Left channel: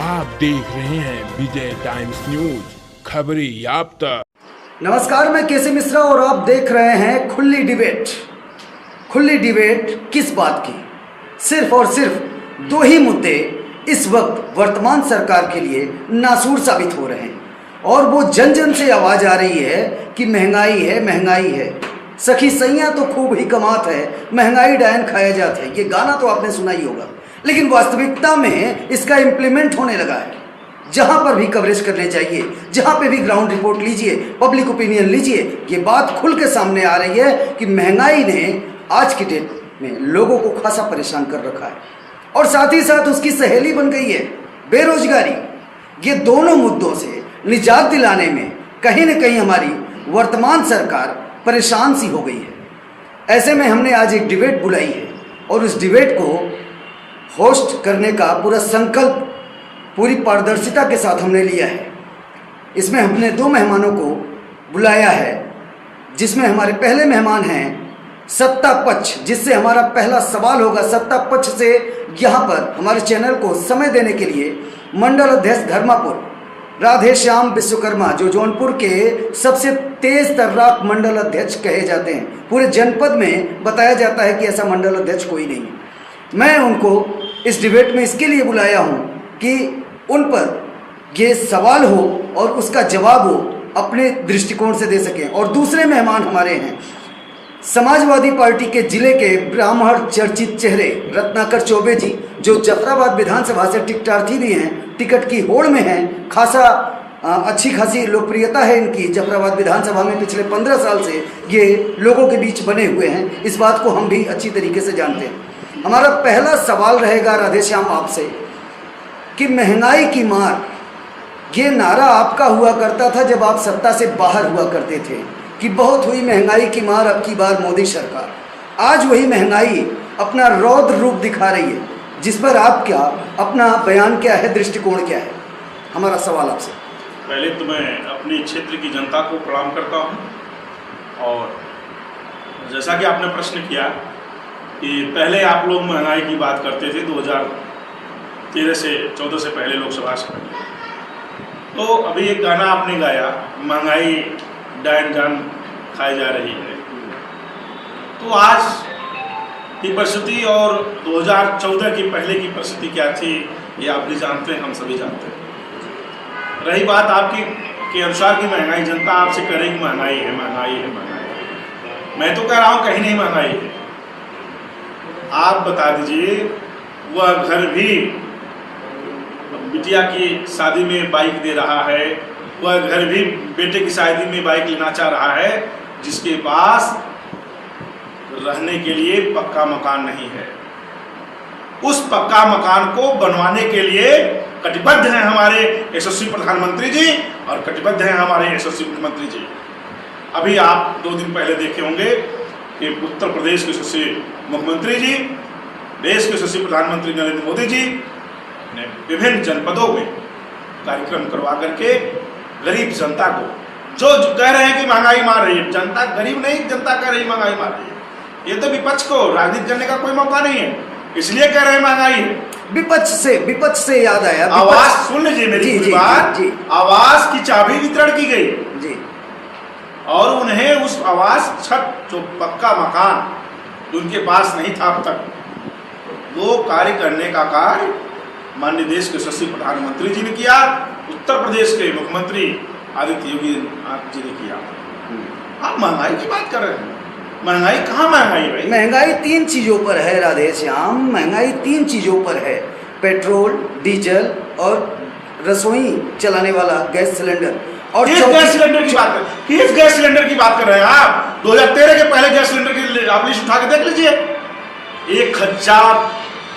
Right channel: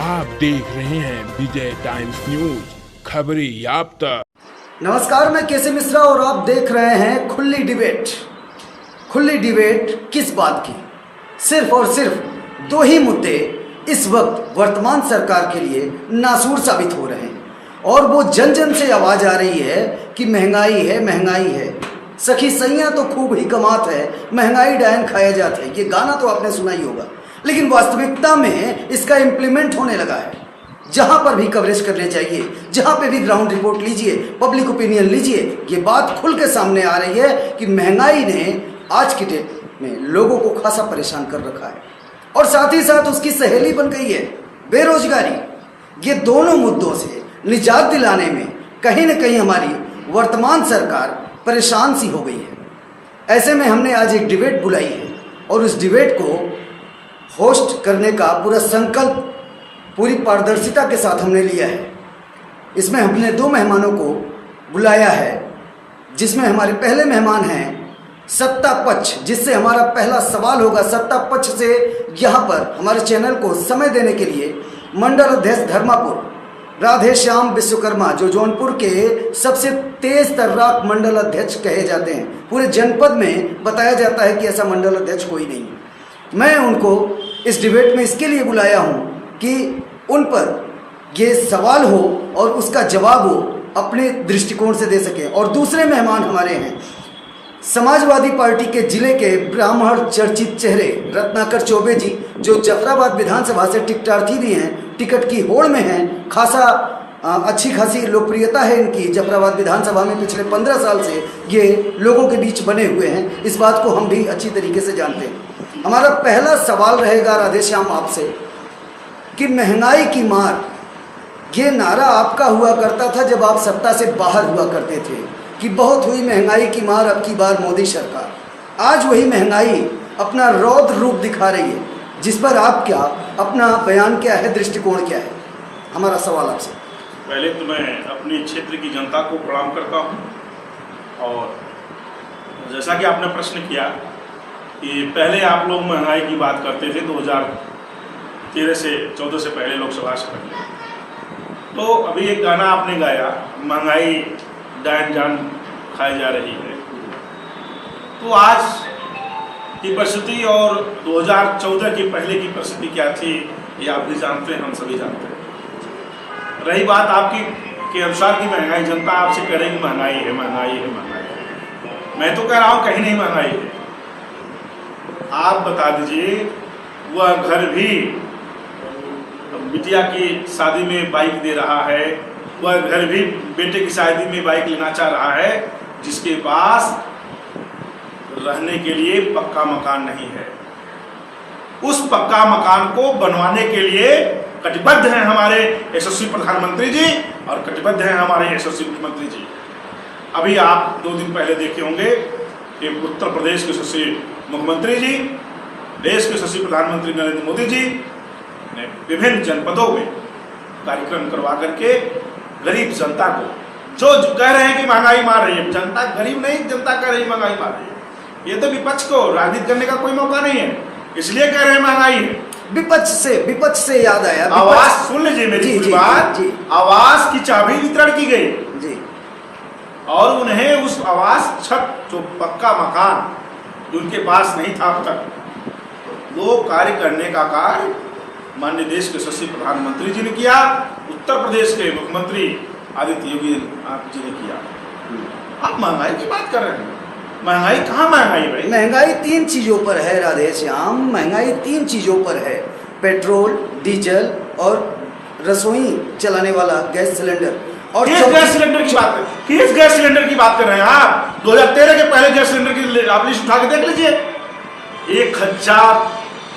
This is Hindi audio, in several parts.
आप देख रहे हैं विजय टाइम्स न्यूज, खबरें याफ्ता। नमस्कार, मैं केसी मिश्रा और आप देख रहे हैं खुली डिबेट। खुली डिबेट किस बात की? सिर्फ और सिर्फ दो ही मुद्दे इस वक्त वर्तमान सरकार के लिए नासूर साबित हो रहे हैं और वो जन जन से आवाज आ रही है कि महंगाई है, महंगाई है। सखी सैया तो खूब ही कमात है, महंगाई डायन खाया जात है। ये गाना तो आपने सुना ही होगा, लेकिन वास्तविकता में इसका इम्प्लीमेंट होने लगा है। जहां पर भी कवरेज करने चाहिए, जहां पे भी ग्राउंड रिपोर्ट लीजिए, पब्लिक ओपिनियन लीजिए, ये बात खुल के सामने आ रही है कि महंगाई ने आज की डेट में लोगों को खासा परेशान कर रखा है और साथ ही साथ उसकी सहेली बन गई है बेरोजगारी। ये दोनों मुद्दों से निजात दिलाने में कहीं न कहीं हमारी वर्तमान सरकार परेशान सी हो गई है। ऐसे में हमने आज एक डिबेट बुलाई है और उस डिबेट को होस्ट करने का पूरा संकल्प पूरी पारदर्शिता के साथ हमने लिया है। इसमें हमने दो मेहमानों को बुलाया है, जिसमें हमारे पहले मेहमान हैं सत्ता पक्ष, जिससे हमारा पहला सवाल होगा। सत्ता पक्ष से यहाँ पर हमारे चैनल को समय देने के लिए मंडल अध्यक्ष धर्मापुर राधे श्याम विश्वकर्मा, जो जौनपुर के सबसे तेज तर्राक मंडल अध्यक्ष कहे जाते हैं। पूरे जनपद में बताया जाता है कि ऐसा मंडल अध्यक्ष कोई नहीं है। मैं उनको इस डिबेट में इसके लिए बुलाया हूं कि उन पर ये सवाल हो और उसका जवाब वो अपने दृष्टिकोण से दे सकें। और दूसरे मेहमान हमारे हैं समाजवादी पार्टी के जिले के ब्राह्मण चर्चित चेहरे रत्नाकर चौबे जी, जो जफराबाद विधानसभा से टिकटार्थी भी हैं, टिकट की होड़ में हैं। खासा अच्छी खासी लोकप्रियता है इनकी जफराबाद विधानसभा में। पिछले 15 साल से ये लोगों के बीच बने हुए हैं, इस बात को हम भी अच्छी तरीके से जानते हैं। हमारा पहला सवाल रहेगा राधेश्याम आपसे कि महंगाई की मार, ये नारा आपका हुआ करता था जब आप सत्ता से बाहर हुआ करते थे कि बहुत हुई महंगाई की मार, अब की बार मोदी सरकार। आज वही महंगाई अपना रौद्र रूप दिखा रही है, जिस पर आप क्या अपना बयान क्या है, दृष्टिकोण क्या है? हमारा सवाल आपसे। पहले तो मैं अपने क्षेत्र की जनता को प्रणाम करता हूं और जैसा कि आपने प्रश्न किया कि पहले आप लोग महंगाई की बात करते थे 2013 से 14 से पहले लोकसभा से पहले, तो अभी एक गाना आपने गाया, महंगाई डायन जान खाई जा रही है। तो आज की परिस्थिति और 2014 की पहले की परिस्थिति क्या थी, ये आप भी जानते हैं, हम सभी जानते हैं। रही बात आपकी के अनुसार की महंगाई, जनता आपसे करेगी महंगाई है, महंगाई है, महंगाई है। मैं तो कह रहा हूं कहीं नहीं महंगाई है। आप बता दीजिए, वह घर भी बिटिया की शादी में बाइक दे रहा है, वह घर भी बेटे की शादी में बाइक लेना चाह रहा है, जिसके पास रहने के लिए पक्का मकान नहीं है। उस पक्का मकान को बनवाने के लिए कटिबद्ध हैं हमारे यशस्वी प्रधानमंत्री जी और कटिबद्ध हैं हमारे यशस्वी मुख्यमंत्री जी। अभी आप 2 दिन पहले देखे होंगे कि उत्तर प्रदेश के यशस्वी मुख्यमंत्री जी, देश के यशस्वी प्रधानमंत्री नरेंद्र मोदी जी ने विभिन्न जनपदों में कार्यक्रम करवा करके गरीब जनता को, जो कह रहे हैं कि महंगाई मार रही है, जनता गरीब नहीं, जनता कह रही है महंगाई मार रही है। ये तो विपक्ष को राजनीति करने का कोई मौका नहीं है, इसलिए कह रहे हैं महंगाई है। विपक्ष से याद आया, आवाज सुन लीजिए मेरी बात। आवास की चाबी वितरण की गई जी और उन्हें उस आवास छत, जो पक्का मकान उनके पास नहीं था अब तक, वो कार्य करने का कार्य माननीय देश के यशस्वी प्रधानमंत्री जी ने किया, उत्तर प्रदेश के मुख्यमंत्री आदित्य योगी जी ने किया। आप महंगाई की बात कर रहे हैं, महंगाई कहाँ महंगाई भाई? महंगाई 3 चीजों पर है राधेश्याम, महंगाई 3 चीजों पर है। पेट्रोल, डीजल और रसोई चलाने वाला गैस सिलेंडर। और गैस सिलेंडर की बात कर, किस गैस सिलेंडर की बात कर रहे हैं आप? 2013 के पहले गैस सिलेंडर की आप लिस्ट उठा के देख लीजिए। 1000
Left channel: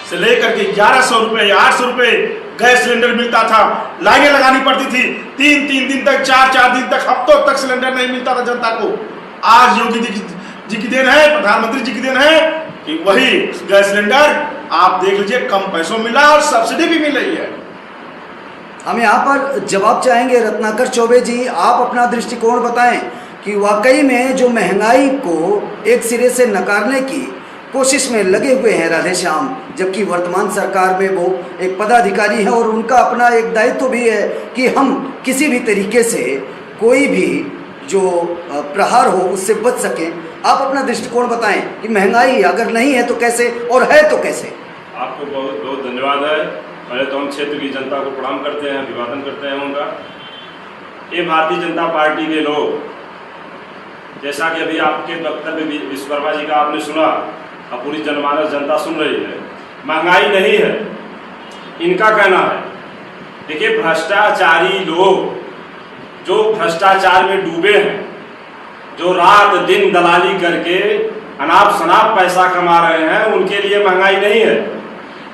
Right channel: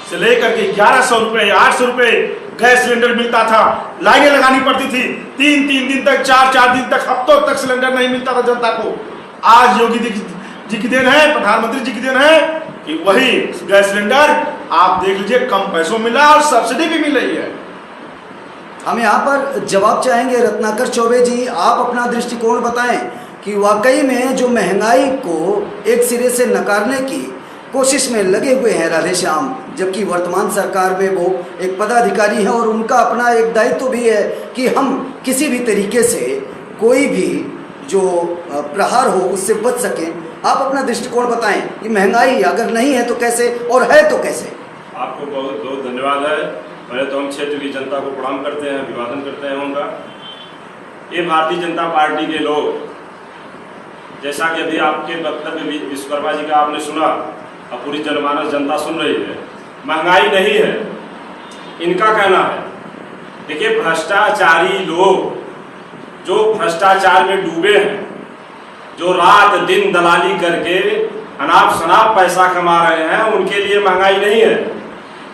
से लेकर के 1100 रुपए, 800 रुपए गैस सिलेंडर मिलता था। लाइनें लगानी पड़ती थी 3-3 दिन तक, 4-4 दिन तक, हफ्तों तक सिलेंडर नहीं मिलता था जनता को। आज योगी जी की देन है, प्रधानमंत्री जी की देन है कि वही गैस सिलेंडर आप देख लीजिए कम पैसों मिला और सब्सिडी भी मिल रही है। हम यहाँ पर जवाब चाहेंगे रत्नाकर चौबे जी, आप अपना दृष्टिकोण बताएं कि वाकई में जो महंगाई को एक सिरे से नकारने की कोशिश में लगे हुए हैं राधेश्याम, जबकि वर्तमान सरकार में वो एक पदाधिकारी है और उनका अपना एक दायित्व भी है कि हम किसी भी तरीके से कोई भी जो प्रहार हो उससे बच सकें। आप अपना दृष्टिकोण बताएं कि महंगाई अगर नहीं है तो कैसे, और है तो कैसे? आपको बहुत बहुत धन्यवाद है। पहले तो हम क्षेत्र की जनता को प्रणाम करते हैं, अभिवादन करते हैं उनका। ये भारतीय जनता पार्टी के लोग, जैसा कि अभी आपके वक्तव्य विश्वकर्मा जी का आपने सुना, अब पूरी जनमानस जनता सुन रही है, महंगाई नहीं है इनका कहना है। देखिए, भ्रष्टाचारी लोग जो भ्रष्टाचार में डूबे हैं, जो रात दिन दलाली करके अनाप शनाप पैसा कमा रहे हैं, उनके लिए महंगाई नहीं है।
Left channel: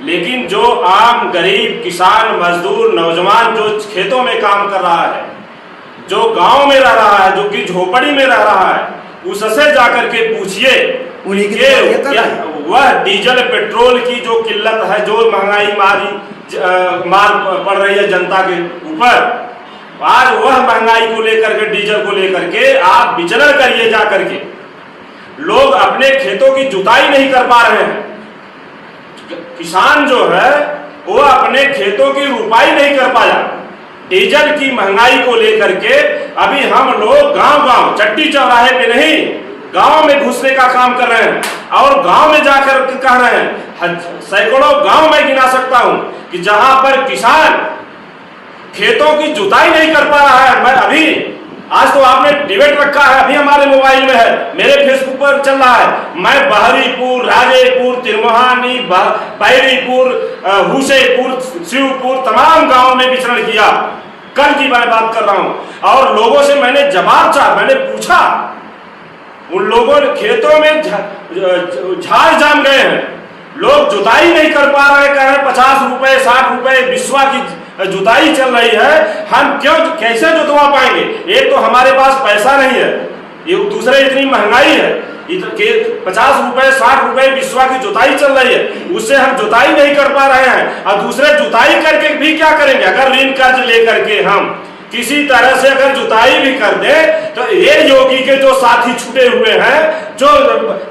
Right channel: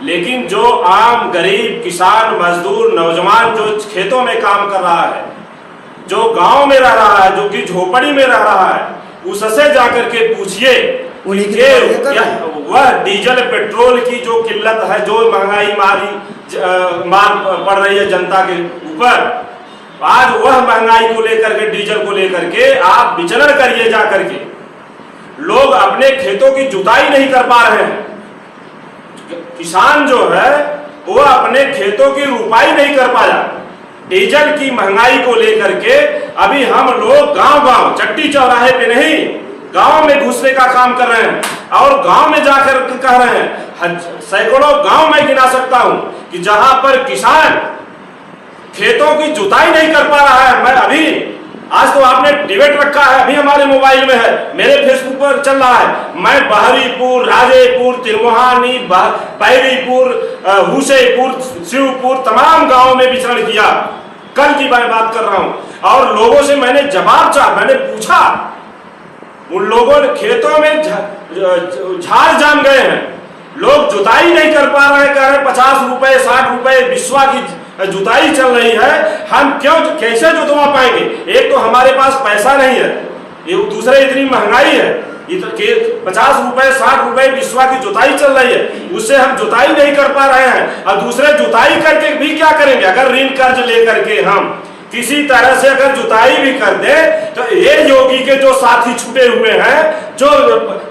लेकिन जो आम गरीब किसान मजदूर नौजवान जो खेतों में काम कर रहा है, जो गांव में रह रहा है, जो कि झोपड़ी में रह रहा है, उससे जाकर के पूछिए वह डीजल पेट्रोल की जो किल्लत है, जो महंगाई मार पड़ रही है जनता के ऊपर, आज वह महंगाई को लेकर के, डीजल को लेकर के आप विचलन करिए जाकर के। लोग अपने खेतों की जुताई नहीं कर पा रहे हैं, किसान जो है वो अपने खेतों की रुपाई नहीं कर पाया डीजल की महंगाई को लेकर के। अभी हम लोग गांव-गांव, चट्टी चौराहे पे नहीं, गांव में घुसने का काम कर रहे हैं और गांव में जाकर कह रहे हैं, सैकड़ों गांव में गिना सकता हूं कि जहां पर किसान खेतों की जुताई नहीं कर पा रहा है। मैं अभी, आज तो आपने डिबेट रखा है, अभी हमारे मोबाइल में है, मेरे फेसबुक पर चल रहा है। मैं बहरीपुर, राजेपुर, तिरमोहानी, बैरीपुर, हुसैपुर, शिवपुर, तमाम गांवों में विचरण किया। कल की मैं बात कर रहा हूं और लोगों से मैंने जवाब चाहा, मैंने पूछा, उन लोगों ने खेतों में झाड़ जाम गए हैं, लोग जुताई नहीं कर पा रहे, कह रहे 50 रुपए 60 रुपए बिस्वा की जुताई चल रही है, हम क्यों कैसे जुतवा पाएंगे? एक तो हमारे पास पैसा नहीं है, ये दूसरे इतनी महंगाई है, 50 रुपए 60 रुपए बिस्वा की जुताई चल रही है, उससे हम जुताई नहीं कर पा रहे हैं। और दूसरे जुताई करके भी क्या करेंगे? अगर ऋण कर्ज लेकर के हम किसी तरह से अगर जुताई भी कर दे तो ये योगी के जो साथी छुटे हुए हैं, जो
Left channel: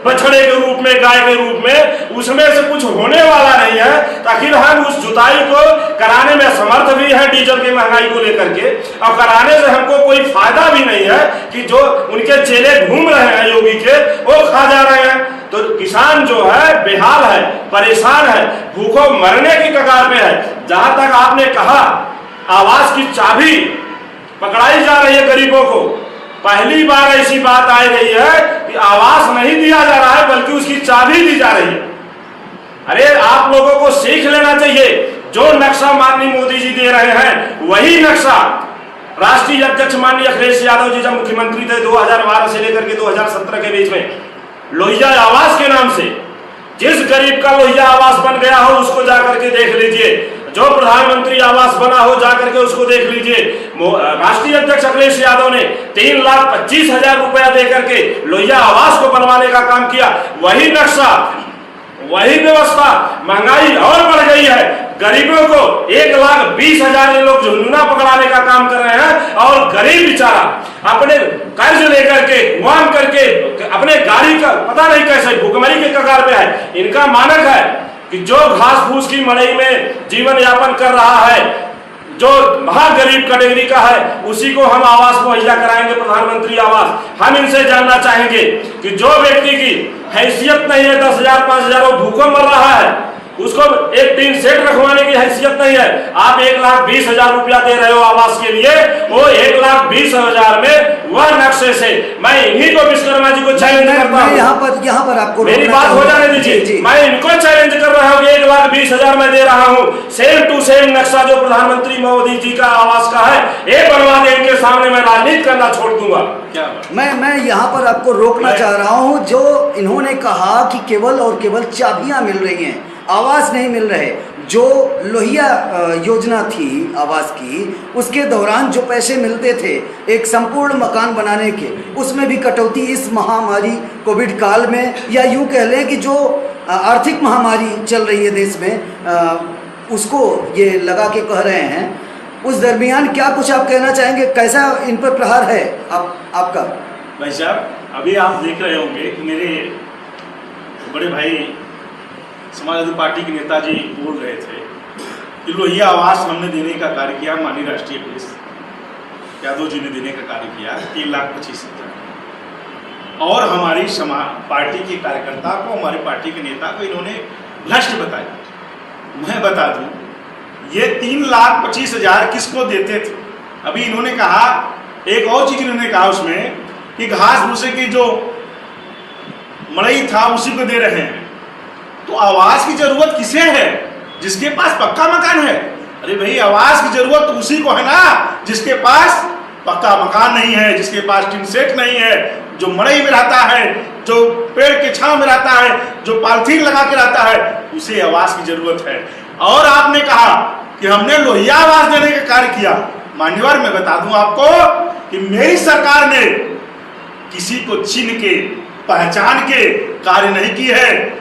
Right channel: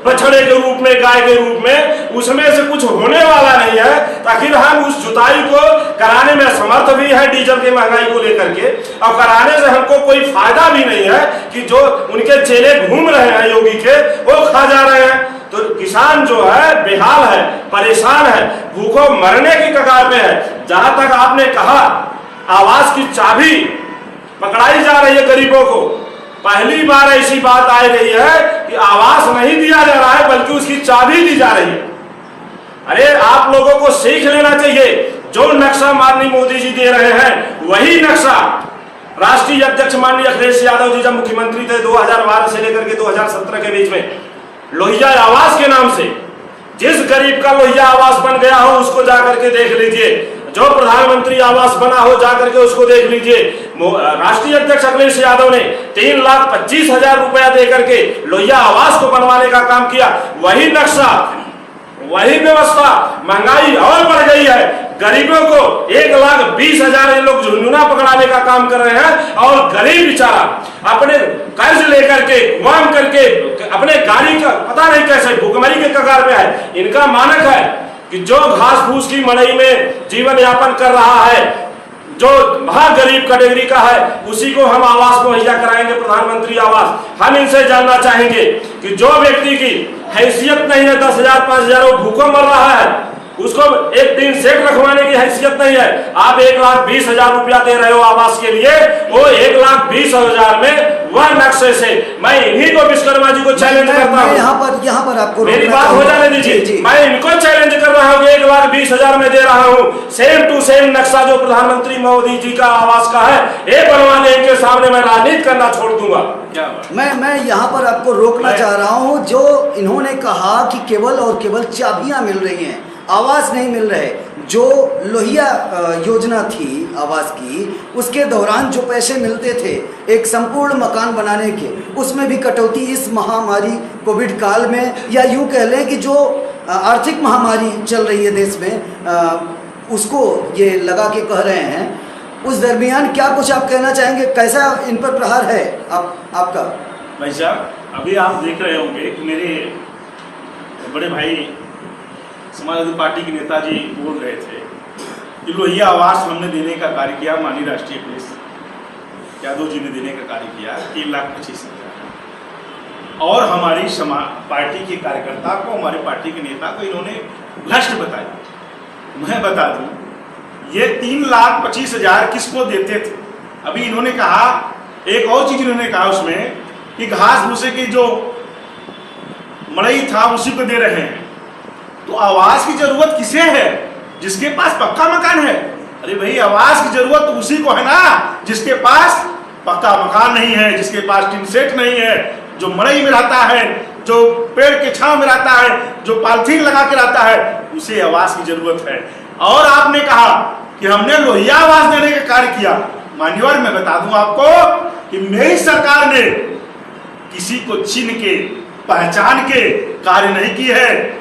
बछड़े के रूप में, गाय के रूप में, उसमें से कुछ होने वाला नहीं है। ताकि हम उस जुताई को कराने में समर्थ भी है डीजल की महंगाई को लेकर के, और कराने से हमको कोई फायदा भी नहीं है कि जो उनके चेले घूम रहे हैं योगी के, वो खा जा रहे हैं। तो किसान जो है बेहाल है, परेशान है, भूखों मरने की कगार पे है। जहां तक आपने कहा आवास की चाबी पकड़ाई जा रही है गरीबों को, पहली बार ऐसी बात आई गई है कि आवास नहीं दिया जा रहा है बल्कि उसकी चाबी दी जा रही है। अरे आप लोगों को सीख लेना चाहिए, जो नक्शा माननीय मोदी जी दे रहे हैं वही नक्शा राष्ट्रीय अध्यक्ष माननीय अखिलेश यादव जी जब मुख्यमंत्री थे 2012 से लेकर के 2017 के बीच में, लोहिया आवास के नाम से जिस गरीब का लोहिया आवास बन गया हो उसको जाकर के देख लीजिए, जो प्रधानमंत्री आवास बना हो जाकर के उसको देख लीजिए। राष्ट्रीय अध्यक्ष अखिलेश यादव ने 3,25,000 रुपया देकर के लोहिया आवास को बनवाने का काम किया। वही नक्शा, वही व्यवस्था, महंगाई और बढ़ गई है। गरीबों को 1,20,000 ये लोग झुंझुना पकड़ाने का काम कर रहे हैं और गरीब बेचारा अपने कर्ज लेकर के, गुआम करके, अपने गाड़ी का पता नहीं कैसे भूखमरी के कगार पे है। इनका मानक है कि जो घास फूस की मड़ई में जीवन यापन कर रहा है, जो महागरीब कैटेगरी का है, उसी को हम आवास मुहैया कराएंगे, प्रधानमंत्री आवास। हम इनसे जानना चाहेंगे कि जो व्यक्ति की हैसियत नहीं है, 10,000 5,000 वो भूखों मर रहा है, उसको एक टीन सेट रखवाने की हैसियत नहीं है, आप 1,20,000 रुपया दे रहे हो आवास के लिए, वो 1,20,000 में वह नक्शे से, मैं इन्हीं को विश्वकर्मा जी को चैलेंज करता हूं। यहाँ पर आपको मेरी बात हो जाने दीजिए, मैं इनको चैलेंज कर रहा हूं कि 1,20,000 में दे रहा हूं, सेम टू सेम नक्शा जो प्रधानमंत्री मोदी जी का आवास का है, ये बनवा दे इनके सामने, मैं राजनीति करना छोड़ दूंगा। मैं यहाँ पर आपको रोकना चाह रहा हूँ। जो इन्होंने कहा कि केवल और केवल चाबियां मिल रही हैं, आवास नहीं मिल रहे। जो लोहिया योजना थी आवास की, उसके दौरान जो पैसे मिलते थे एक संपूर्ण मकान बनाने के, उसमें भी कटौती इस महामारी कोविड काल में, या यूं कह लें कि जो आर्थिक महामारी चल रही है देश में, उसको ये लगा के कह रहे हैं। उस दरमियान क्या कुछ आप कहना चाहेंगे, कैसा इन पर प्रहार है आपका? भाई साहब, अभी आप देख रहे होंगे कि मेरे बड़े भाई समाजवादी पार्टी के नेताजी बोल रहे थे कि लोहिया आवास हमने देने का कार्य किया, माननीय राष्ट्रीय पुलिस यादव जी ने देने का कार्य किया 3,25,000 और हमारी पार्टी के कार्यकर्ता को, हमारे पार्टी के नेता को इन्होंने भ्रष्ट बताया। मैं बता दूं ये 3,25,000 किसको देते थे? अभी इन्होंने कहा, एक और चीज इन्होंने कहा उसमें कि घास भूसे की जो मड़ई था उसी को दे रहे हैं। तो आवास की जरूरत किसे है? जिसके पास पक्का मकान है। अरे भाई आवास की जरूरत तो उसी को है ना जिसके पास पक्का मकान नहीं है, जिसके पास टिन सेट नहीं है, जो मड़ई में रहता है, जो पेड़ के छांव में रहता है, जो पॉलिथीन लगा के रहता है, उसे आवास की जरूरत है। और आपने कहा कि हमने लोहिया आवास देने का कार्य किया। मान्यवर मैं बता दूं आपको कि मेरी सरकार ने किसी को चिन्ह के पहचान के कार्य नहीं की है।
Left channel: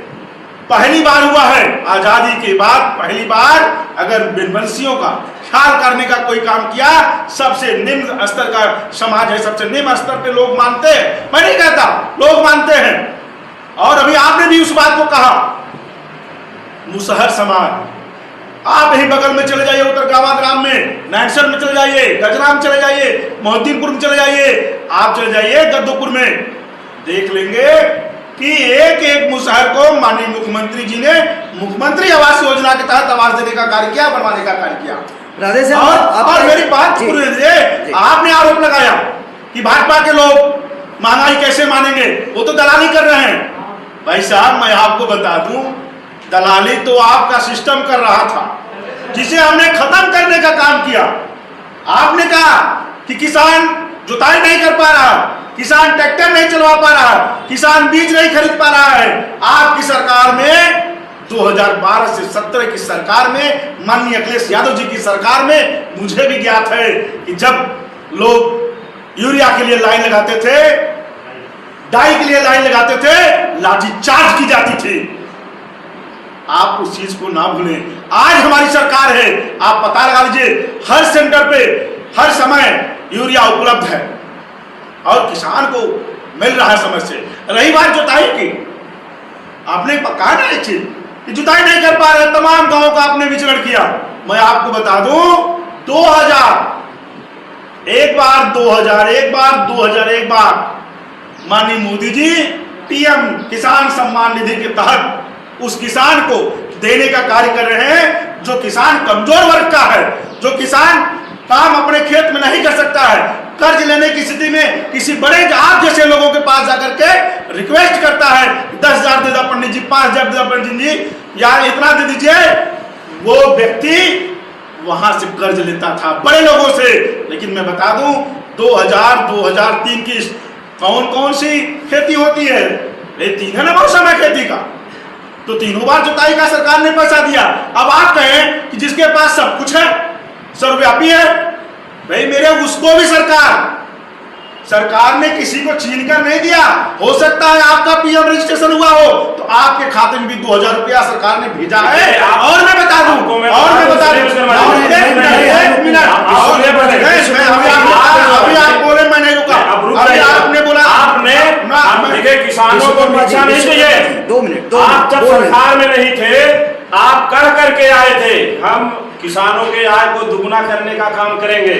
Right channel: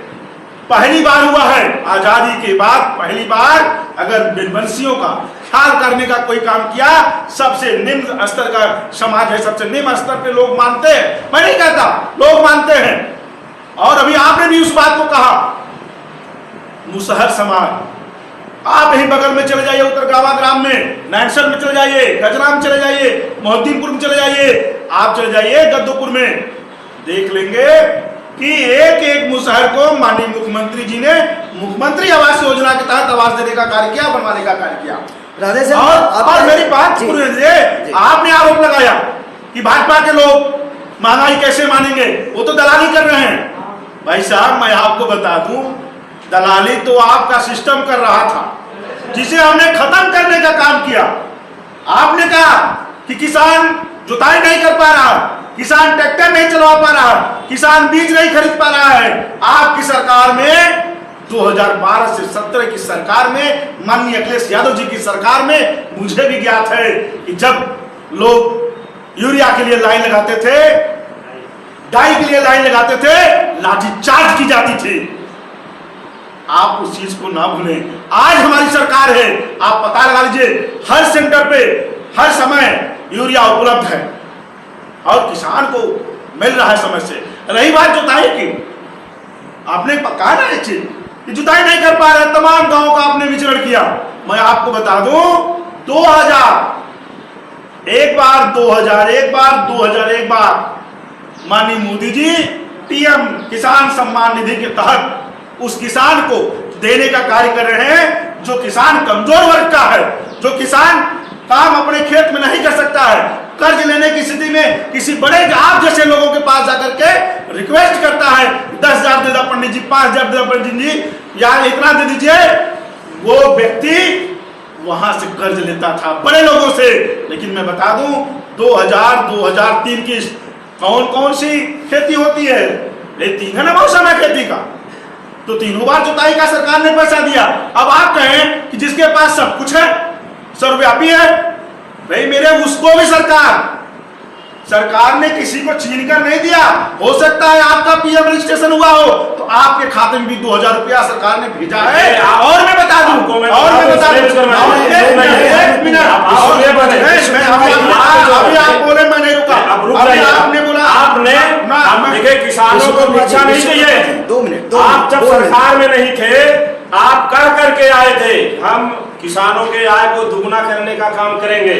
पहली बार हुआ है आजादी के बाद, पहली बार अगर वंशियों का ख्याल करने का कोई काम किया, सबसे निम्न स्तर का समाज है, सबसे निम्न स्तर पे लोग मानते हैं, मैं नहीं कहता, लोग मानते हैं। और अभी आपने भी उस बात को कहा, मुसहर समाज, आप यही बगल में चले जाइए, उत्तरगावा ग्राम में, नैनसर में चले जाइए, गजरा में चले जाइए, मोहद्दीनपुर में चले जाइए, आप चले जाइए गद्दोपुर में, देख लेंगे कि एक एक मुसहर को माननीय मुख्यमंत्री जी ने मुख्यमंत्री आवास योजना के तहत आवास देने का कार्य किया, बनवाने का कार्य किया। राधे से और मेरी बात सुनिए, आपने आरोप लगाया कि भाजपा के लोग महंगाई कैसे मानेंगे, वो तो दलाली कर रहे हैं। भाई साहब मैं आपको बता दूं, दलाली तो आपका सिस्टम कर रहा था, जिसे हमने खत्म करने का काम किया। आपने कहा कि किसान जुताई नहीं कर पा रहा, किसान ट्रैक्टर नहीं चलवा पा रहा, किसान बीज नहीं खरीद पा रहा है। आपकी सरकार में 2012 से 17 की सरकार में, माननीय अखिलेश यादव जी की सरकार में, मुझे भी ज्ञात है कि जब लोग यूरिया के लिए लाइन लगाते थे, डाई के लिए लाइन लगाते थे, लाठीचार्ज की जाती थी। आप उस चीज को ना भूलें। आज हमारी सरकार है, आप पता लगा लीजिए, हर सेंटर पे हर समय यूरिया उपलब्ध है और किसान को मिल रहा है समय से। रही बात जुताई की, आपने कहा ना एक चीज कि जुताई नहीं कर पा रहे, तमाम गांवों का आपने विचरण किया। मैं आपको बता दूं 2001 बार माननीय मोदी जी पीएम किसान सम्मान निधि के तहत उस किसान को देने का कार्य कर रहे हैं जो किसान कमजोर वर्ग का है, जो किसान काम अपने खेत में नहीं कर सकता है, कर्ज लेने की स्थिति में किसी बड़े आप जैसे लोगों के पास जाकर के रिक्वेस्ट करता है 10,000 दे दो पंडित जी, 5,000 दे दो पंडित जी, या इतना दे दीजिए। वो व्यक्ति वहां से कर्ज लेता था बड़े लोगों से। लेकिन मैं बता दूं 2000-2003 की कौन कौन सी खेती होती है, ये 3 है ना मौसम है खेती का, तो 3 बार जुताई का सरकार ने पैसा दिया। अब आप कहें कि जिसके पास सब कुछ है, सर्वव्यापी है, भाई मेरे उसको भी सरकार ने किसी को छीन कर नहीं दिया। हो सकता है आपका पीएम रजिस्ट्रेशन हुआ हो तो आपके खाते में भी 2,000 रुपया सरकार ने भेजा है। और मैं बता दूं, अभी आप बोले मैं नहीं रुका, अभी आपने बोला, आपने किसानों को भिक्षा नहीं चाहिए। 2 मिनट, आप जब सरकार में नहीं थे, आप कर करके आए थे हम किसानों के आय को दुगुना करने का काम करेंगे।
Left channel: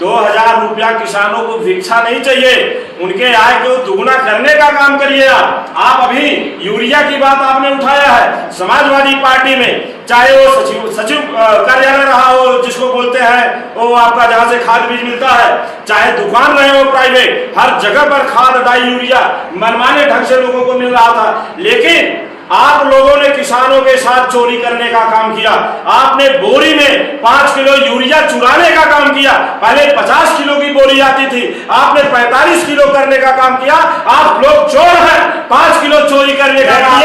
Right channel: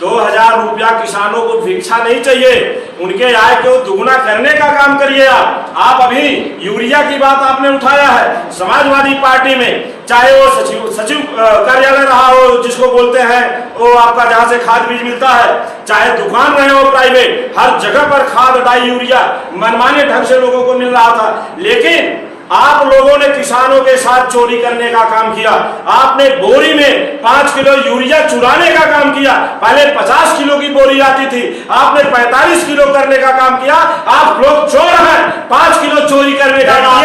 2,000 रुपया किसानों को भिक्षा नहीं चाहिए, उनके आय को दुगुना करने का काम करिए। आप अभी यूरिया की बात आपने उठाया है। समाजवादी पार्टी में चाहे वो सचिव कार्यालय रहा हो, जिसको बोलते हैं वो आपका जहां से खाद बीज मिलता है, चाहे दुकान रहे हो प्राइवेट, हर जगह पर खाद डाई यूरिया मनमाने ढंग से लोगों को मिल रहा था। लेकिन आप लोगों ने किसानों के साथ चोरी करने का काम किया। आपने बोरी में 5 किलो यूरिया चुराने का काम किया। पहले 50 किलो की बोरी आती थी, आपने 45 किलो करने का काम किया। आप लोग चोर हैं, 5 किलो चोरी करने का काम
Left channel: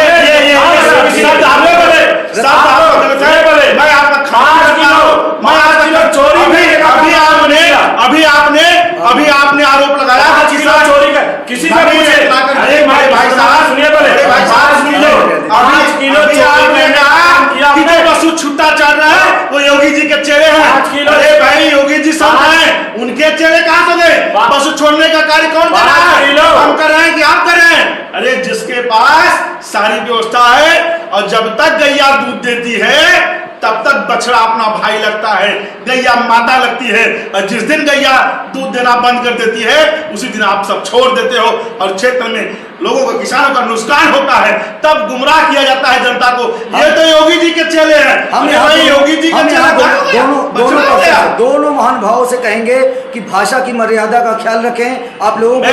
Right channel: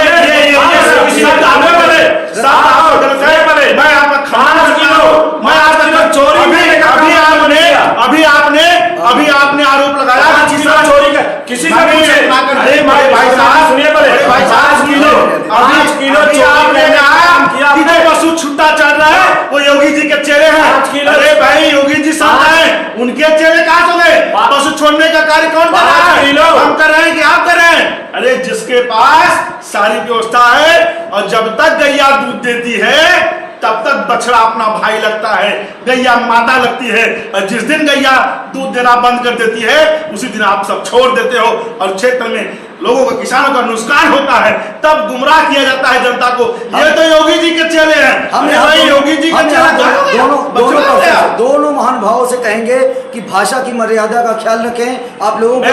अभी आपने आरोप लगाया कि किसान चोरी कर, किसी से पूछे, अरे भाई साहब सुनिए, बोले 5 किलो आपने कहा कि जो पशु छुट्टा चल रहा है वो योगी जी के चेहरे हैं। अरे भाई योगी जी संत हैं, उनके चेहरे कहां से गए? पशु छोड़ने का कार्य कौन कर रहा है? हम कर रहे हैं कि आप कर रहे हैं? अरे जिसके पास सारी व्यवस्था है। और जब तक गैया दूध देती है तब तक बछड़ा अपना भाई लगता है, गैया माता लगती है। और जिस दिन गैया दूध देना बंद कर देती है उसी दिन आप सब छोड़ देते हो और क्षेत्र में लोगों का, किसानों का नुकसान होता है, तब गुमराह किया जाता है जनता को। ये तो योगी जी के चेले हैं। हम योगी जी के दोनों महान भावों से कहेंगे कि भाषा की मर्यादा का ख्याल रखें। आप लोगों को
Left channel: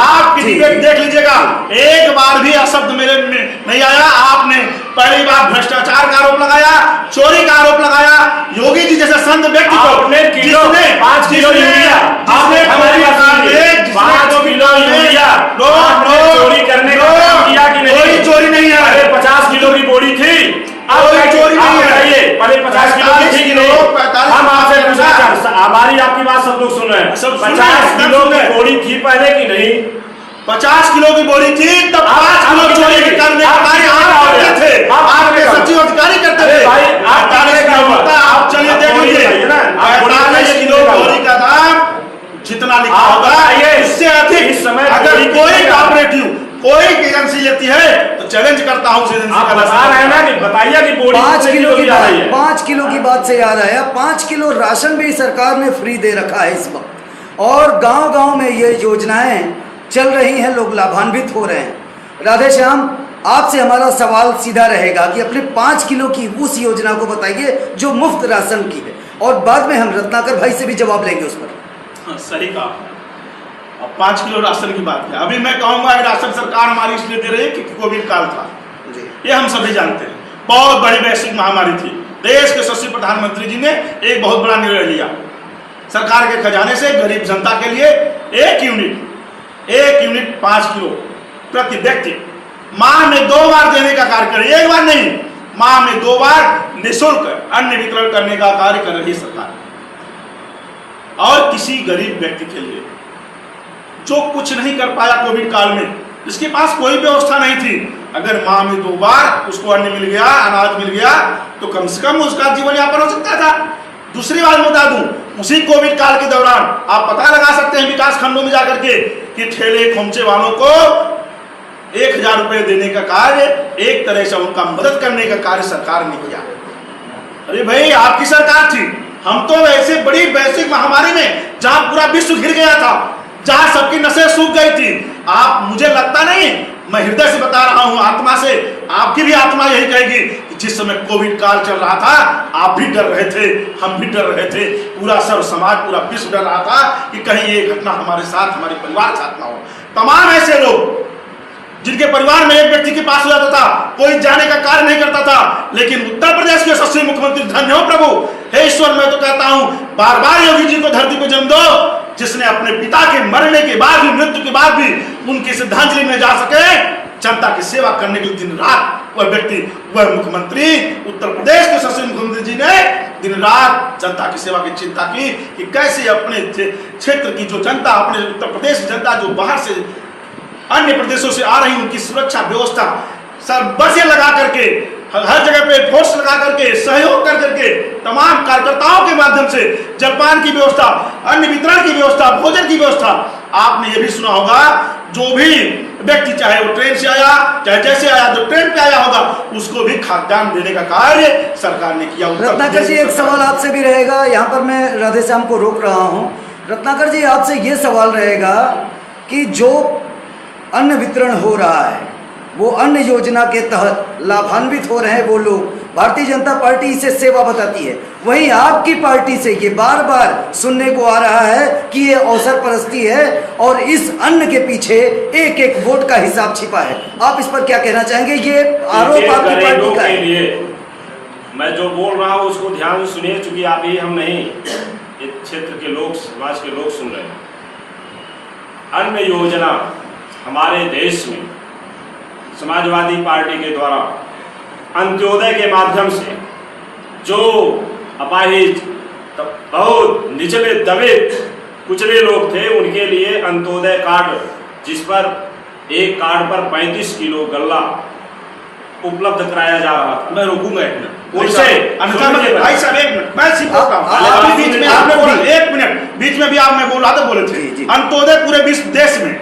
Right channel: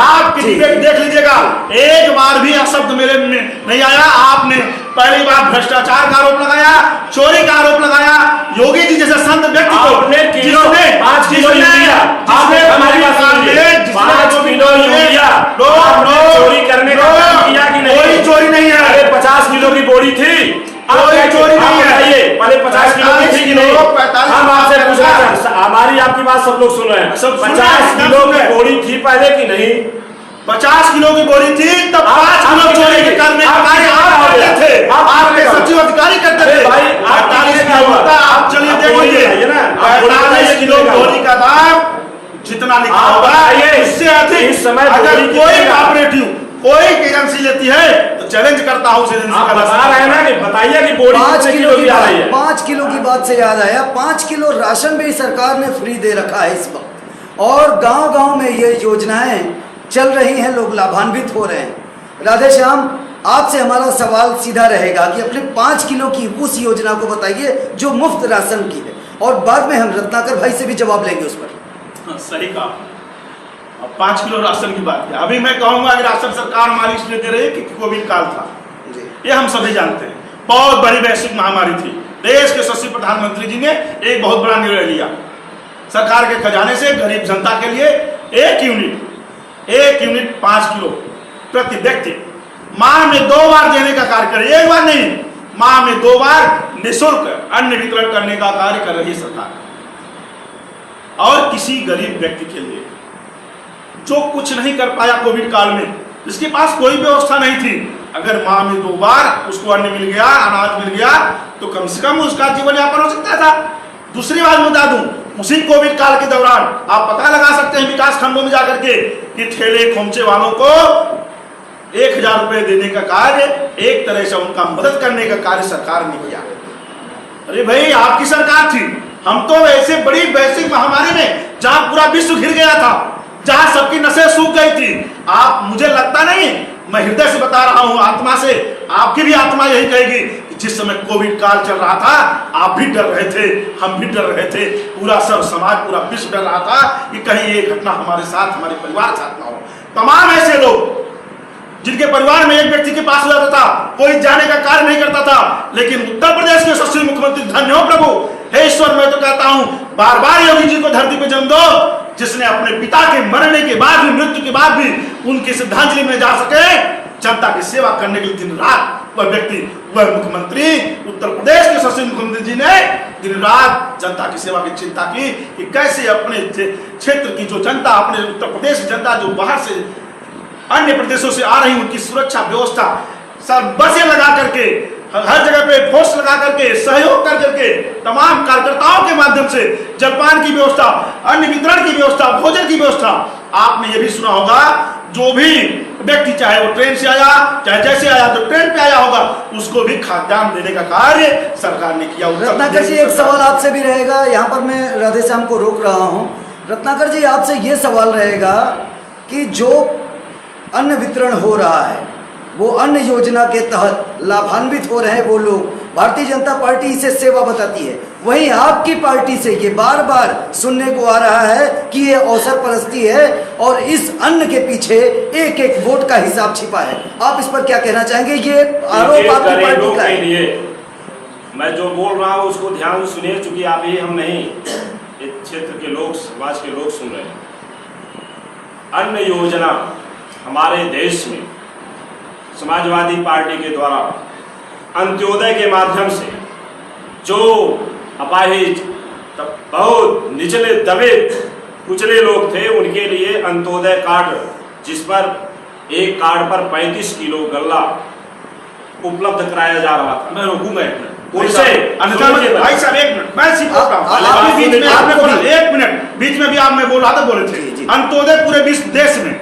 आप देख लीजिएगा, एक बार भी अशब्द मेरे में नहीं आया। आपने पहली बार भ्रष्टाचार का आरोप लगाया, चोरी का आरोप लगाया। योगी जी जैसे संत व्यक्ति को 5 किलो यूरिया, आपने हमारी बात सुनिए, 5 किलो यूरिया चोरी करने का काम किया कि नहीं? कोई चोरी नहीं है। अरे 50 किलो की बोरी थी, कोई चोरी नहीं है। पहले 50 किलो की थी कि नहीं? हम आपसे पूछ रहे हैं, हमारी आपकी बात सब लोग सुन रहे हैं। 50 किलो की बोरी थी पहले कि नहीं? 50 किलो की बोरी थी, तब 5 किलो चोरी के करने का कार्य आप करते थे, आपके सचिव अधिकारी करते थे। भाई 48 किलो होता, आप चलिए देख लीजिए, 45 किलो बोरी का दाम जितना लिखा होगा इससे अधिक। इस समय अगर कोई कॉपरेटिव कोई एजेंसी लेती है तो चैलेंज करता हूं उस एजेंसी आप का। बता रहे हैं ना कि बताइए कि बोरी 5 किलो की आ रही है। 5 किलो की बात से याद आया, 5 किलो राशन भी सरकार ने फ्री दे रखा है इस वक्त, और गांव-गांव में ये योजनाएं चल रही हैं, लोग लाभान्वित हो रहे हैं। राधे श्याम, आपसे हमारा सवाल सीधा रहेगा कि अपने 5 किलो की उस योजना को बताइए जो मुफ्त राशन की है, और बाद में हम रत्नाकर भाई से भी जवाब लेंगे उस पर। सही कहा। अब 5 किलो राशन की बात है। अभी मैं कहूंगा कि राशन सरकार हमारी इसलिए दे रही है कि कोविड काल था, ये हम सभी जानते हैं। बहुत बड़ी वैश्विक महामारी थी। देश के यशस्वी प्रधानमंत्री जी ने एक बहुत बड़ा निर्णय लिया, सरकार के खजाने से गरीब जनता के लिए एक यूनिट 5 किलो प्रति व्यक्ति माह में 2 बार देने का कार्य करे। एक बार नहीं, माह में 2 बार निःशुल्क अन्न वितरण करने का कार्य कर रही सरकार। और किसी गरीब व्यक्ति के लिए जो कुछ नहीं कर पाया कोविड काल में, जिसके पास कोई व्यवस्था नहीं थी, अगर माह में 2 बार उसको अन्न मिल गया, अनाज मिल गया, तो कम से कम उसका जीवन यापन हो सकता था। दूसरी बात बता दूं, उसी कोविड काल के दौरान आप पता लगा सकते हैं विकास खंडों में जाकर के कि ठेले खोमचे वालों को 1000 रुपए देने का कार्य, एक तरह से उनका मदद करने का कार्य सरकार ने किया। अरे भाई, आपकी सरकार थी। हम तो ऐसे बड़ी वैश्विक महामारी में जहां पूरा विश्व घिर गया था, जहां सबकी नसें सूख गई थी, आप, मुझे लगता नहीं, मैं हृदय से बता रहा हूं, आत्मा से, आपकी भी आत्मा यही कहेगी कि जिस समय कोविड काल चल रहा था आप भी डर रहे थे, हम भी डर रहे थे, पूरा सर्व समाज, पूरा विश्व डर रहा था कि कहीं ये घटना हमारे साथ, हमारे परिवार के साथ ना हो। तमाम ऐसे लोग जिनके परिवार में एक व्यक्ति के पास रहता था, कोई जाने का कार्य नहीं करता था, लेकिन उत्तर प्रदेश के यशस्वी मुख्यमंत्री, धन्य हो प्रभु, हे ईश्वर, मैं तो कहता हूं बार बार योगी जी को धरती पे जन्म दो, जिसने अपने पिता के मरने के बाद भी, मृत्यु के बाद भी उनकी श्रद्धांजलि में जा सके, जनता की सेवा करने के लिए दिन रात वह व्यक्ति, वह मुख्यमंत्री, उत्तर प्रदेश के यशस्वी मुख्यमंत्री जी ने दिन रात जनता की सेवा की चिंता की कि कैसे अपने क्षेत्र की जो जनता, अपने उत्तर प्रदेश की जनता जो बाहर से अन्य प्रदेशों से आ रही, उनकी सुरक्षा व्यवस्था सब बसें लगा करके, हर जगह पे फोर्स लगा करके, सहयोग कर करके, तमाम कार्यकर्ताओं के माध्यम से जलपान की व्यवस्था, अन्न वितरण की व्यवस्था, भोजन की व्यवस्था। आपने ये भी सुना होगा, जो भी व्यक्ति चाहे वो ट्रेन से आया, चाहे जैसे आया, तो ट्रेन पे आया होगा, उसको भी खाद्यान्न देने का कार्य सरकार ने किया। रत्नाकर जी, एक सवाल आपसे भी रहेगा, यहाँ पर मैं राधे श्याम को रोक रहा हूँ। रत्नाकर जी, आपसे ये सवाल रहेगा कि जो अन्न वितरण हो रहा है, वो अन्न योजना के तहत लाभान्वित हो रहे हैं वो लोग, भारतीय जनता पार्टी इसे सेवा बताती है, वहीं आपकी पार्टी से ये बार बार सुनने को आ रहा है कि ये अवसर परस्ती है और इस अन्न के पीछे एक एक वोट का हिसाब छिपा है। आप इस पर क्या कहना चाहेंगे? ये आरोप आपकी पार्टी का है। मैं जो बोल रहा हूँ उसको ध्यान से सुनिए, चूंकि आप ही हम नहीं, इस क्षेत्र के लोग, समाज के लोग सुन रहे हैं। अन्न योजना हमारे देश में समाजवादी पार्टी के द्वारा अंत्योदय के माध्यम से जो अपाहिज, बहुत निचले दबे कुचले लोग थे, उनके लिए अंत्योदय कार्ड, जिस पर एक कार्ड पर 35 किलो गल्ला उपलब्ध कराया जा रहा था। मैं रोकूंगा एक मिनट, भाई साहब एक मिनट, मैं सिर्फ बीच में आपने बोला, 1 मिनट, बीच में भी आप, मैं बोल रहा था, बोले थे अंत्योदय पूरे विश्व देश में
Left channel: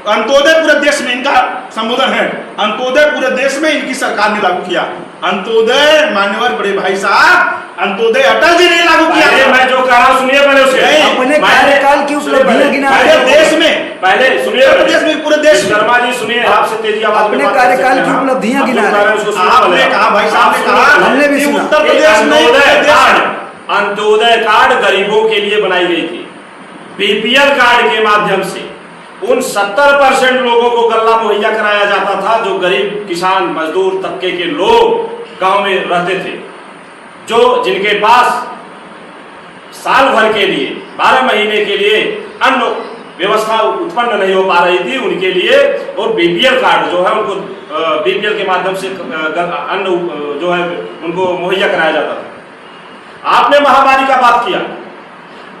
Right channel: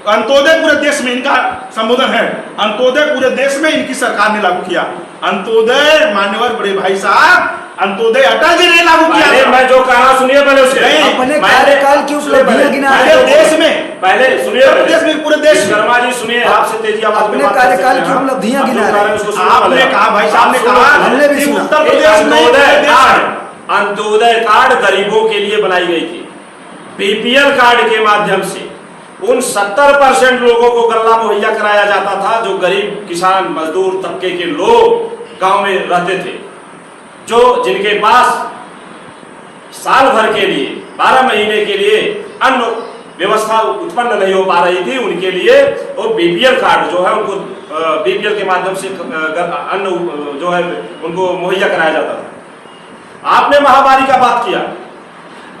अंत्योदय पूरे देश में इनका संबोधन है, अंत्योदय पूरे देश में इनकी सरकार ने लागू किया। अंत्योदय मान्यवर बड़े भाई साहब, अंत्योदय अटल जी ने लागू किया। मैं जो कह रहा हूं सुनिए पहले उसके अपने कार्यकाल की उपलब्धियां गिना पहले देश में, पहले सुनिए, देश में पूरे देश में। शर्मा जी सुनिए, आपसे तेजी आवाज में अपने कार्यकाल की उपलब्धियां गिना रहे हैं। आपने कहा, भाई साहब ने कहा, हमने भी सुना। उत्तर प्रदेश में अंत्योदय कार्ड गरीबों के लिए बनाई गई थी। बीपीएल कार्ड के माध्यम से उन 70% लोगों को गल्ला मुहैया कराया जाता था जो गरीब किसान मजदूर तबके के लोग गांव में रहते थे, जो जिनके पास साल भर के लिए 12 महीने के लिए अन्न व्यवस्था उत्पन्न नहीं हो पा रही थी, उनके लिए और बीपीएल कार्ड जो है उनको बीपीएल के माध्यम से अन्न जो है उनको मुहैया कराया जाता था। आपने महामारी का बात किया,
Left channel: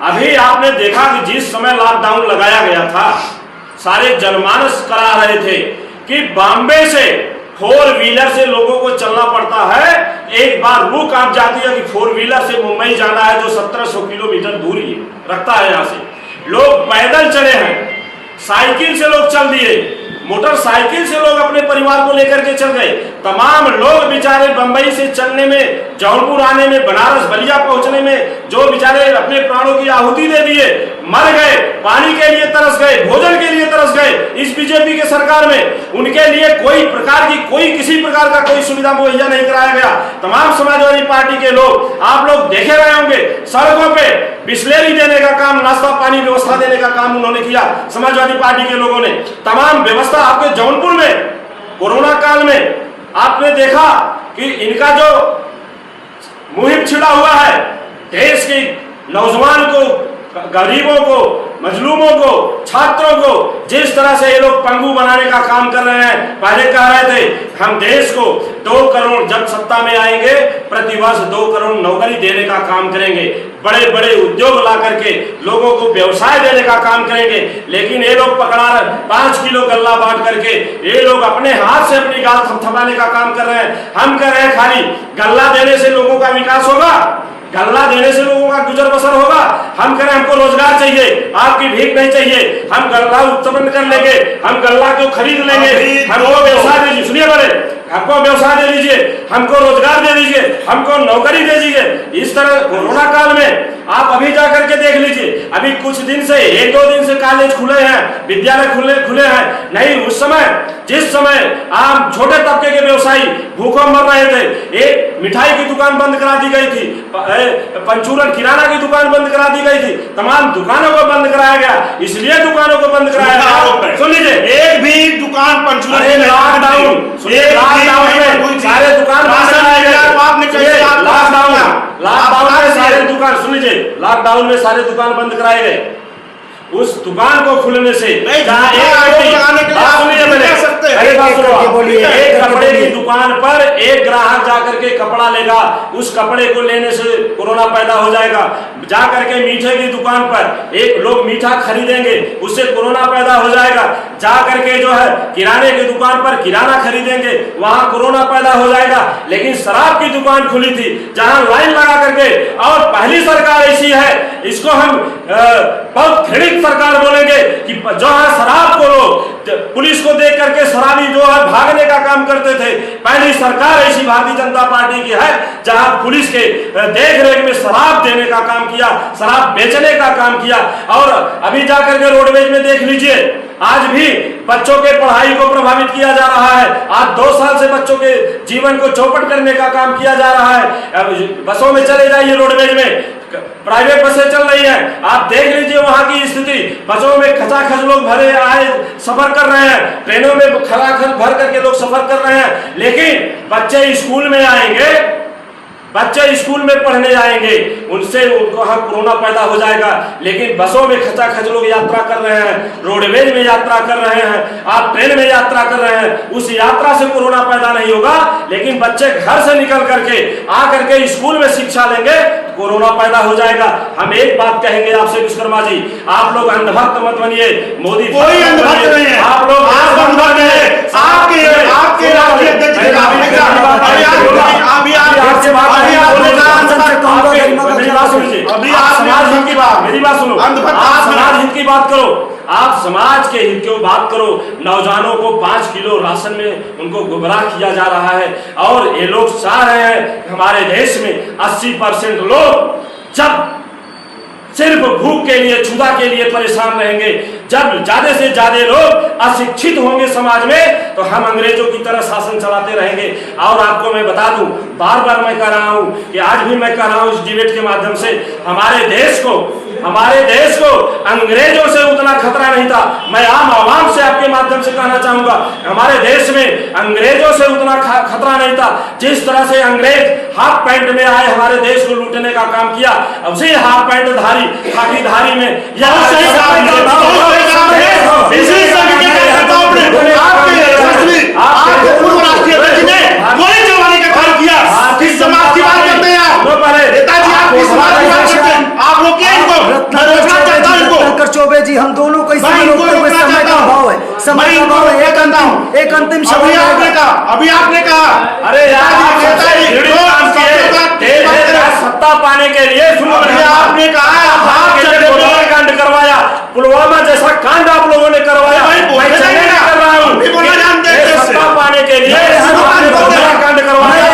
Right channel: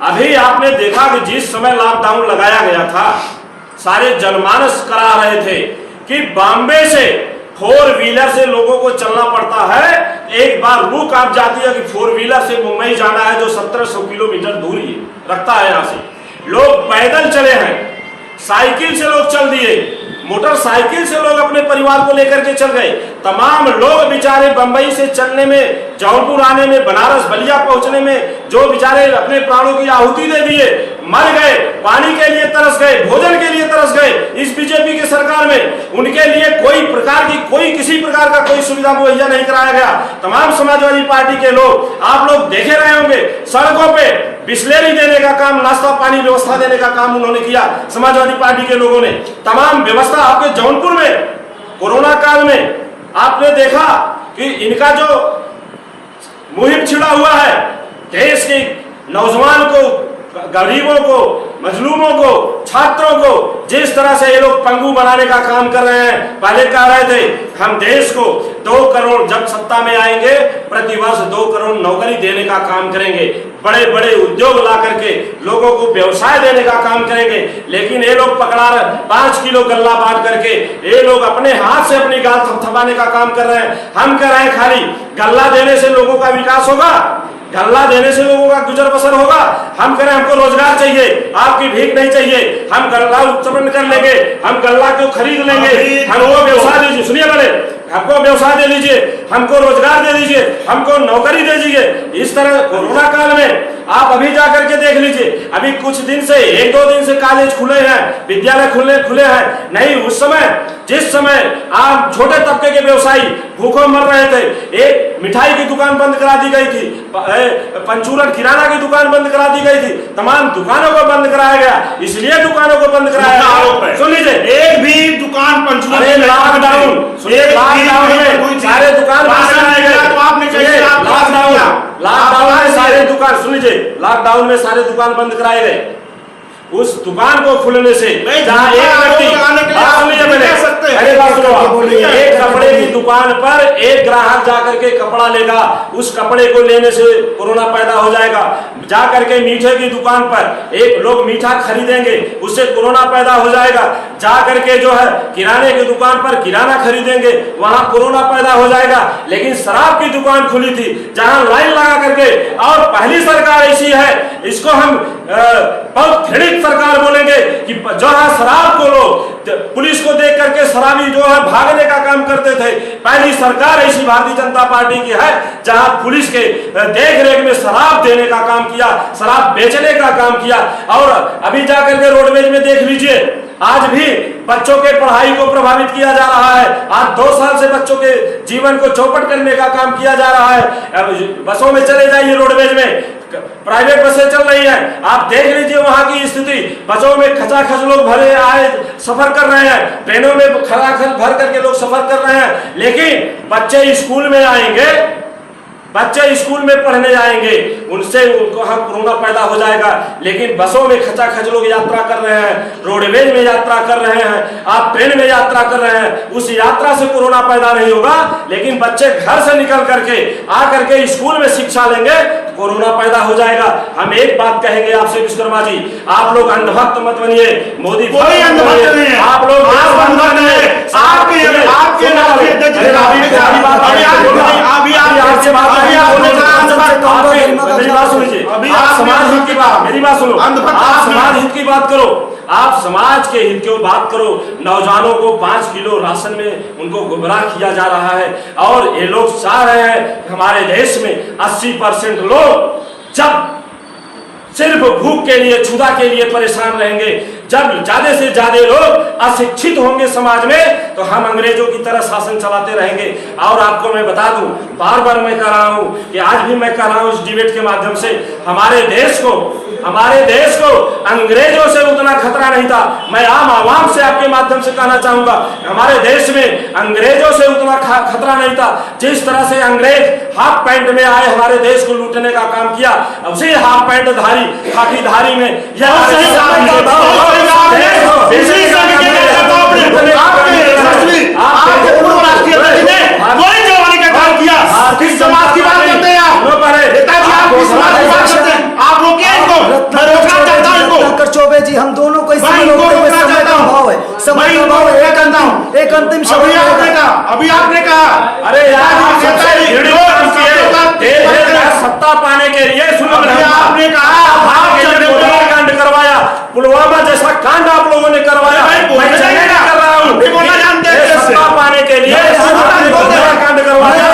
अभी आपने देखा कि जिस समय लॉकडाउन लगाया गया था, सारे जनमानस करा रहे थे कि बॉम्बे से 4 व्हीलर से लोगों को चलना पड़ता है। एक बार रूह कांप जाती है कि 4 व्हीलर से मुंबई जाना है जो 1700 किलोमीटर दूरी रखता है। यहाँ से लोग पैदल चले हैं, साइकिल से लोग चल दिए, मोटरसाइकिल से लोग अपने परिवार को लेकर के चल गए। तमाम लोग बेचारे बंबई से चलने में, जौनपुर आने में, बनारस बलिया पहुंचने में जो बेचारे अपने प्राणों की आहुति दे दिए, मर गए, पानी के लिए तरस गए, भोजन के लिए तरस गए। इस बीजेपी के सरकार में उनके लिए कोई प्रकार की किसी प्रकार का कोई सुविधा मुहैया नहीं कराया गया। तमाम समाजवादी पार्टी के लोग, आप लोग देखे रहे होंगे, सड़कों पे बिस्लेरी देने का काम, नाश्ता पानी व्यवस्था देने का काम उन्होंने किया। समाजवादी पार्टी के लोगों ने तमाम व्यवस्था आपके जौनपुर में कोरोना काल में आपने देखा कि इनका जो मुहिम छिड़ा हुआ है, देश के नौजवान को, गरीबों को, मजलूमों को, छात्रों को जिस तरह से ये लोग पंगु बनाने का काम कर रहे हैं। पहले कह रहे थे हम देश को 2 करोड़, जब सत्ता में आएंगे प्रतिवर्ष 2 करोड़ नौकरी देने का काम करेंगे, बड़े बड़े उद्योग ला करके लोगों को व्यवसाय देने का काम करेंगे। लेकिन ये लोग पकड़ा रहे 5 किलो गल्ला बांट करके, ये लोग अपने हाथ से अपनी गाल थपथपाने का काम कर रहे हैं। हम कह रहे हैं खाली गल्ला देने से लोगों का विकास होगा, गल्ला देने से लोगों का गुजर बसर होगा? हम कह रहे हैं हमको रोजगार चाहिए, आपकी भीख नहीं चाहिए। हम गल्ला उत्पन्न कर लेंगे, हम गल्ला को खरीद लेंगे, हमको व्यवसाय दीजिए, सुनिए पहले, हमको व्यवसाय दे दीजिए, हमको रोजगार दे दीजिए, हमको नौकरी दे दीजिए। इस तरह कोरोना काल में आप अभी जा करके देख लीजिए, अभी कुछ दिन से 1-2 दिन से कॉलेज खुले हैं, विद्यालय खुले हैं। नहीं, उस समय जिस समय आम छोटे तबके के व्यवसायी भूखों मर रहे थे, एक मिठाई की दुकान बंद करा दी गई थी, पंचूरन किराना की दुकान बंद करा दी गई थी, तमाम दुकानों को बंद कराया गया। इसलिए दुकानों को बंद कराया गया, सुन लीजिए, एक भी दुकान पंचूरन, लॉकडाउन में सारे दुकान बंद कराए गए। लॉकडाउन में सारे दुकान, सुन लीजिए, लॉकडाउन में सारे दुकान बंद कराए गए। उस दुकान को खुलने से जहाँ एक व्यक्ति, एक कपड़े की दुकान पर एक ग्राहक जाकर के कपड़ा लेगा, उस कपड़े को लेने से कोरोना पैदा हो जाएगा। जाकर के मीठे की दुकान पर एक लोग मीठा खरीदेंगे, उससे कोरोना पैदा हो जाएगा। जाकर के जो है किराने की दुकान पर किराना खरीदेंगे, वहां कोरोना पैदा हो जाएगा। लेकिन शराब की दुकान खुली थी, जहां लाइन लगा करके, और पहली सरकार ऐसी है, इसको हम बहुत घृणित सरकार बोलेंगे कि जहां शराब को लोग पुलिस को देख करके शराबी जो है भागने का काम करते थे, पहली सरकार ऐसी भारतीय जनता पार्टी की है जहां पुलिस के देख रेख में शराब देने का काम किया, शराब बेचने का काम किया। और अभी जाकर के रोडवेज में देख लीजिए, आज भी बच्चों के पढ़ाई को प्रभावित किया जा रहा है। आज 2 साल से बच्चों के जीवन को चौपट करने का काम किया जा रहा है। बसों में चले जाइए, रोडवेज में प्राइवेट बसें चल रही हैं, आप देख लीजिए वहां की स्थिति। बसों में खचाखच लोग भरे आए सफर कर रहे हैं, ट्रेनों में खचाखच भर करके लोग सफर कर रहे हैं। लेकिन बच्चे स्कूल में आएंगे, बच्चे स्कूल में पढ़ने आएंगे, उनसे उनको हाँ कोरोना पैदा हो जाएगा। लेकिन बसों में खचाखच लोग यात्रा कर रहे हैं, रोडवेज में यात्रा कर रहे हैं, आप ट्रेन में यात्रा कर रहे हैं, उस यात्रा से कोरोना पैदा नहीं होगा। लेकिन बच्चे घर से निकल करके आकर के स्कूल में शिक्षा लेंगे, कोरोना पैदा हो जाएगा। हम एक बात कहेंगे आपसे विश्वकर्मा जी, आप लोग अंधभक्त मत बनिए, मोदी कोई अंधभक्त नहीं है, आप लोग अंधभक्त नहीं है। मेरी बात सुनो, अंधभक्त आप आप समाज हैं। हित की बात करो, आप समाज के हित की बात करो। नौजवानों को 5 किलो राशन में उनको गुमराह किया जा रहा है और ये लोग चाह रहे हैं कि हमारे देश में 80% लोग जब सिर्फ भूख के लिए, क्षुधा के लिए परेशान रहेंगे, जब ज्यादा से ज्यादा लोग अशिक्षित होंगे समाज में, तो हम अंग्रेजों की तरह शासन चलाते रहेंगे। और आपको मैं बता दूं, बार बार मैं कह रहा हूं कि आज भी मैं कह रहा हूं इस डिबेट के माध्यम से, हमारे देश को अंग्रेजों से उतना खतरा नहीं था। मैं आम आवाम से आपके माध्यम से कहना चाहूंगा, हमारे देश में अंग्रेजों से उतना खतरा नहीं था। जिस तरह से अंग्रेज हाफ पैंट में आए हमारे देश को लूटने का काम किया, अब से हाफ पैंट धारी, खाकी धारी में किस समाज की बात करते हैं आप? नेताजी आप किस समाज की बात करते हैं? आप रोकिए इनको, मैं रोकना चाहता हूं इनको। रत्नाकर चौबे जी, हम दोनों को इसमें रोकते हुए समय का अभाव है, समय का अभाव है। एक अंतिम शब्द अभी आपने कहा, अरे सत्ता पाने के लिए आपने कहा कांड करवाया, पुलवामा जैसा कांड आप लोगों ने करवाया। मैं चलने नहीं कर रहा हूँ, सत्ता पाने के लिए कांड करवाया।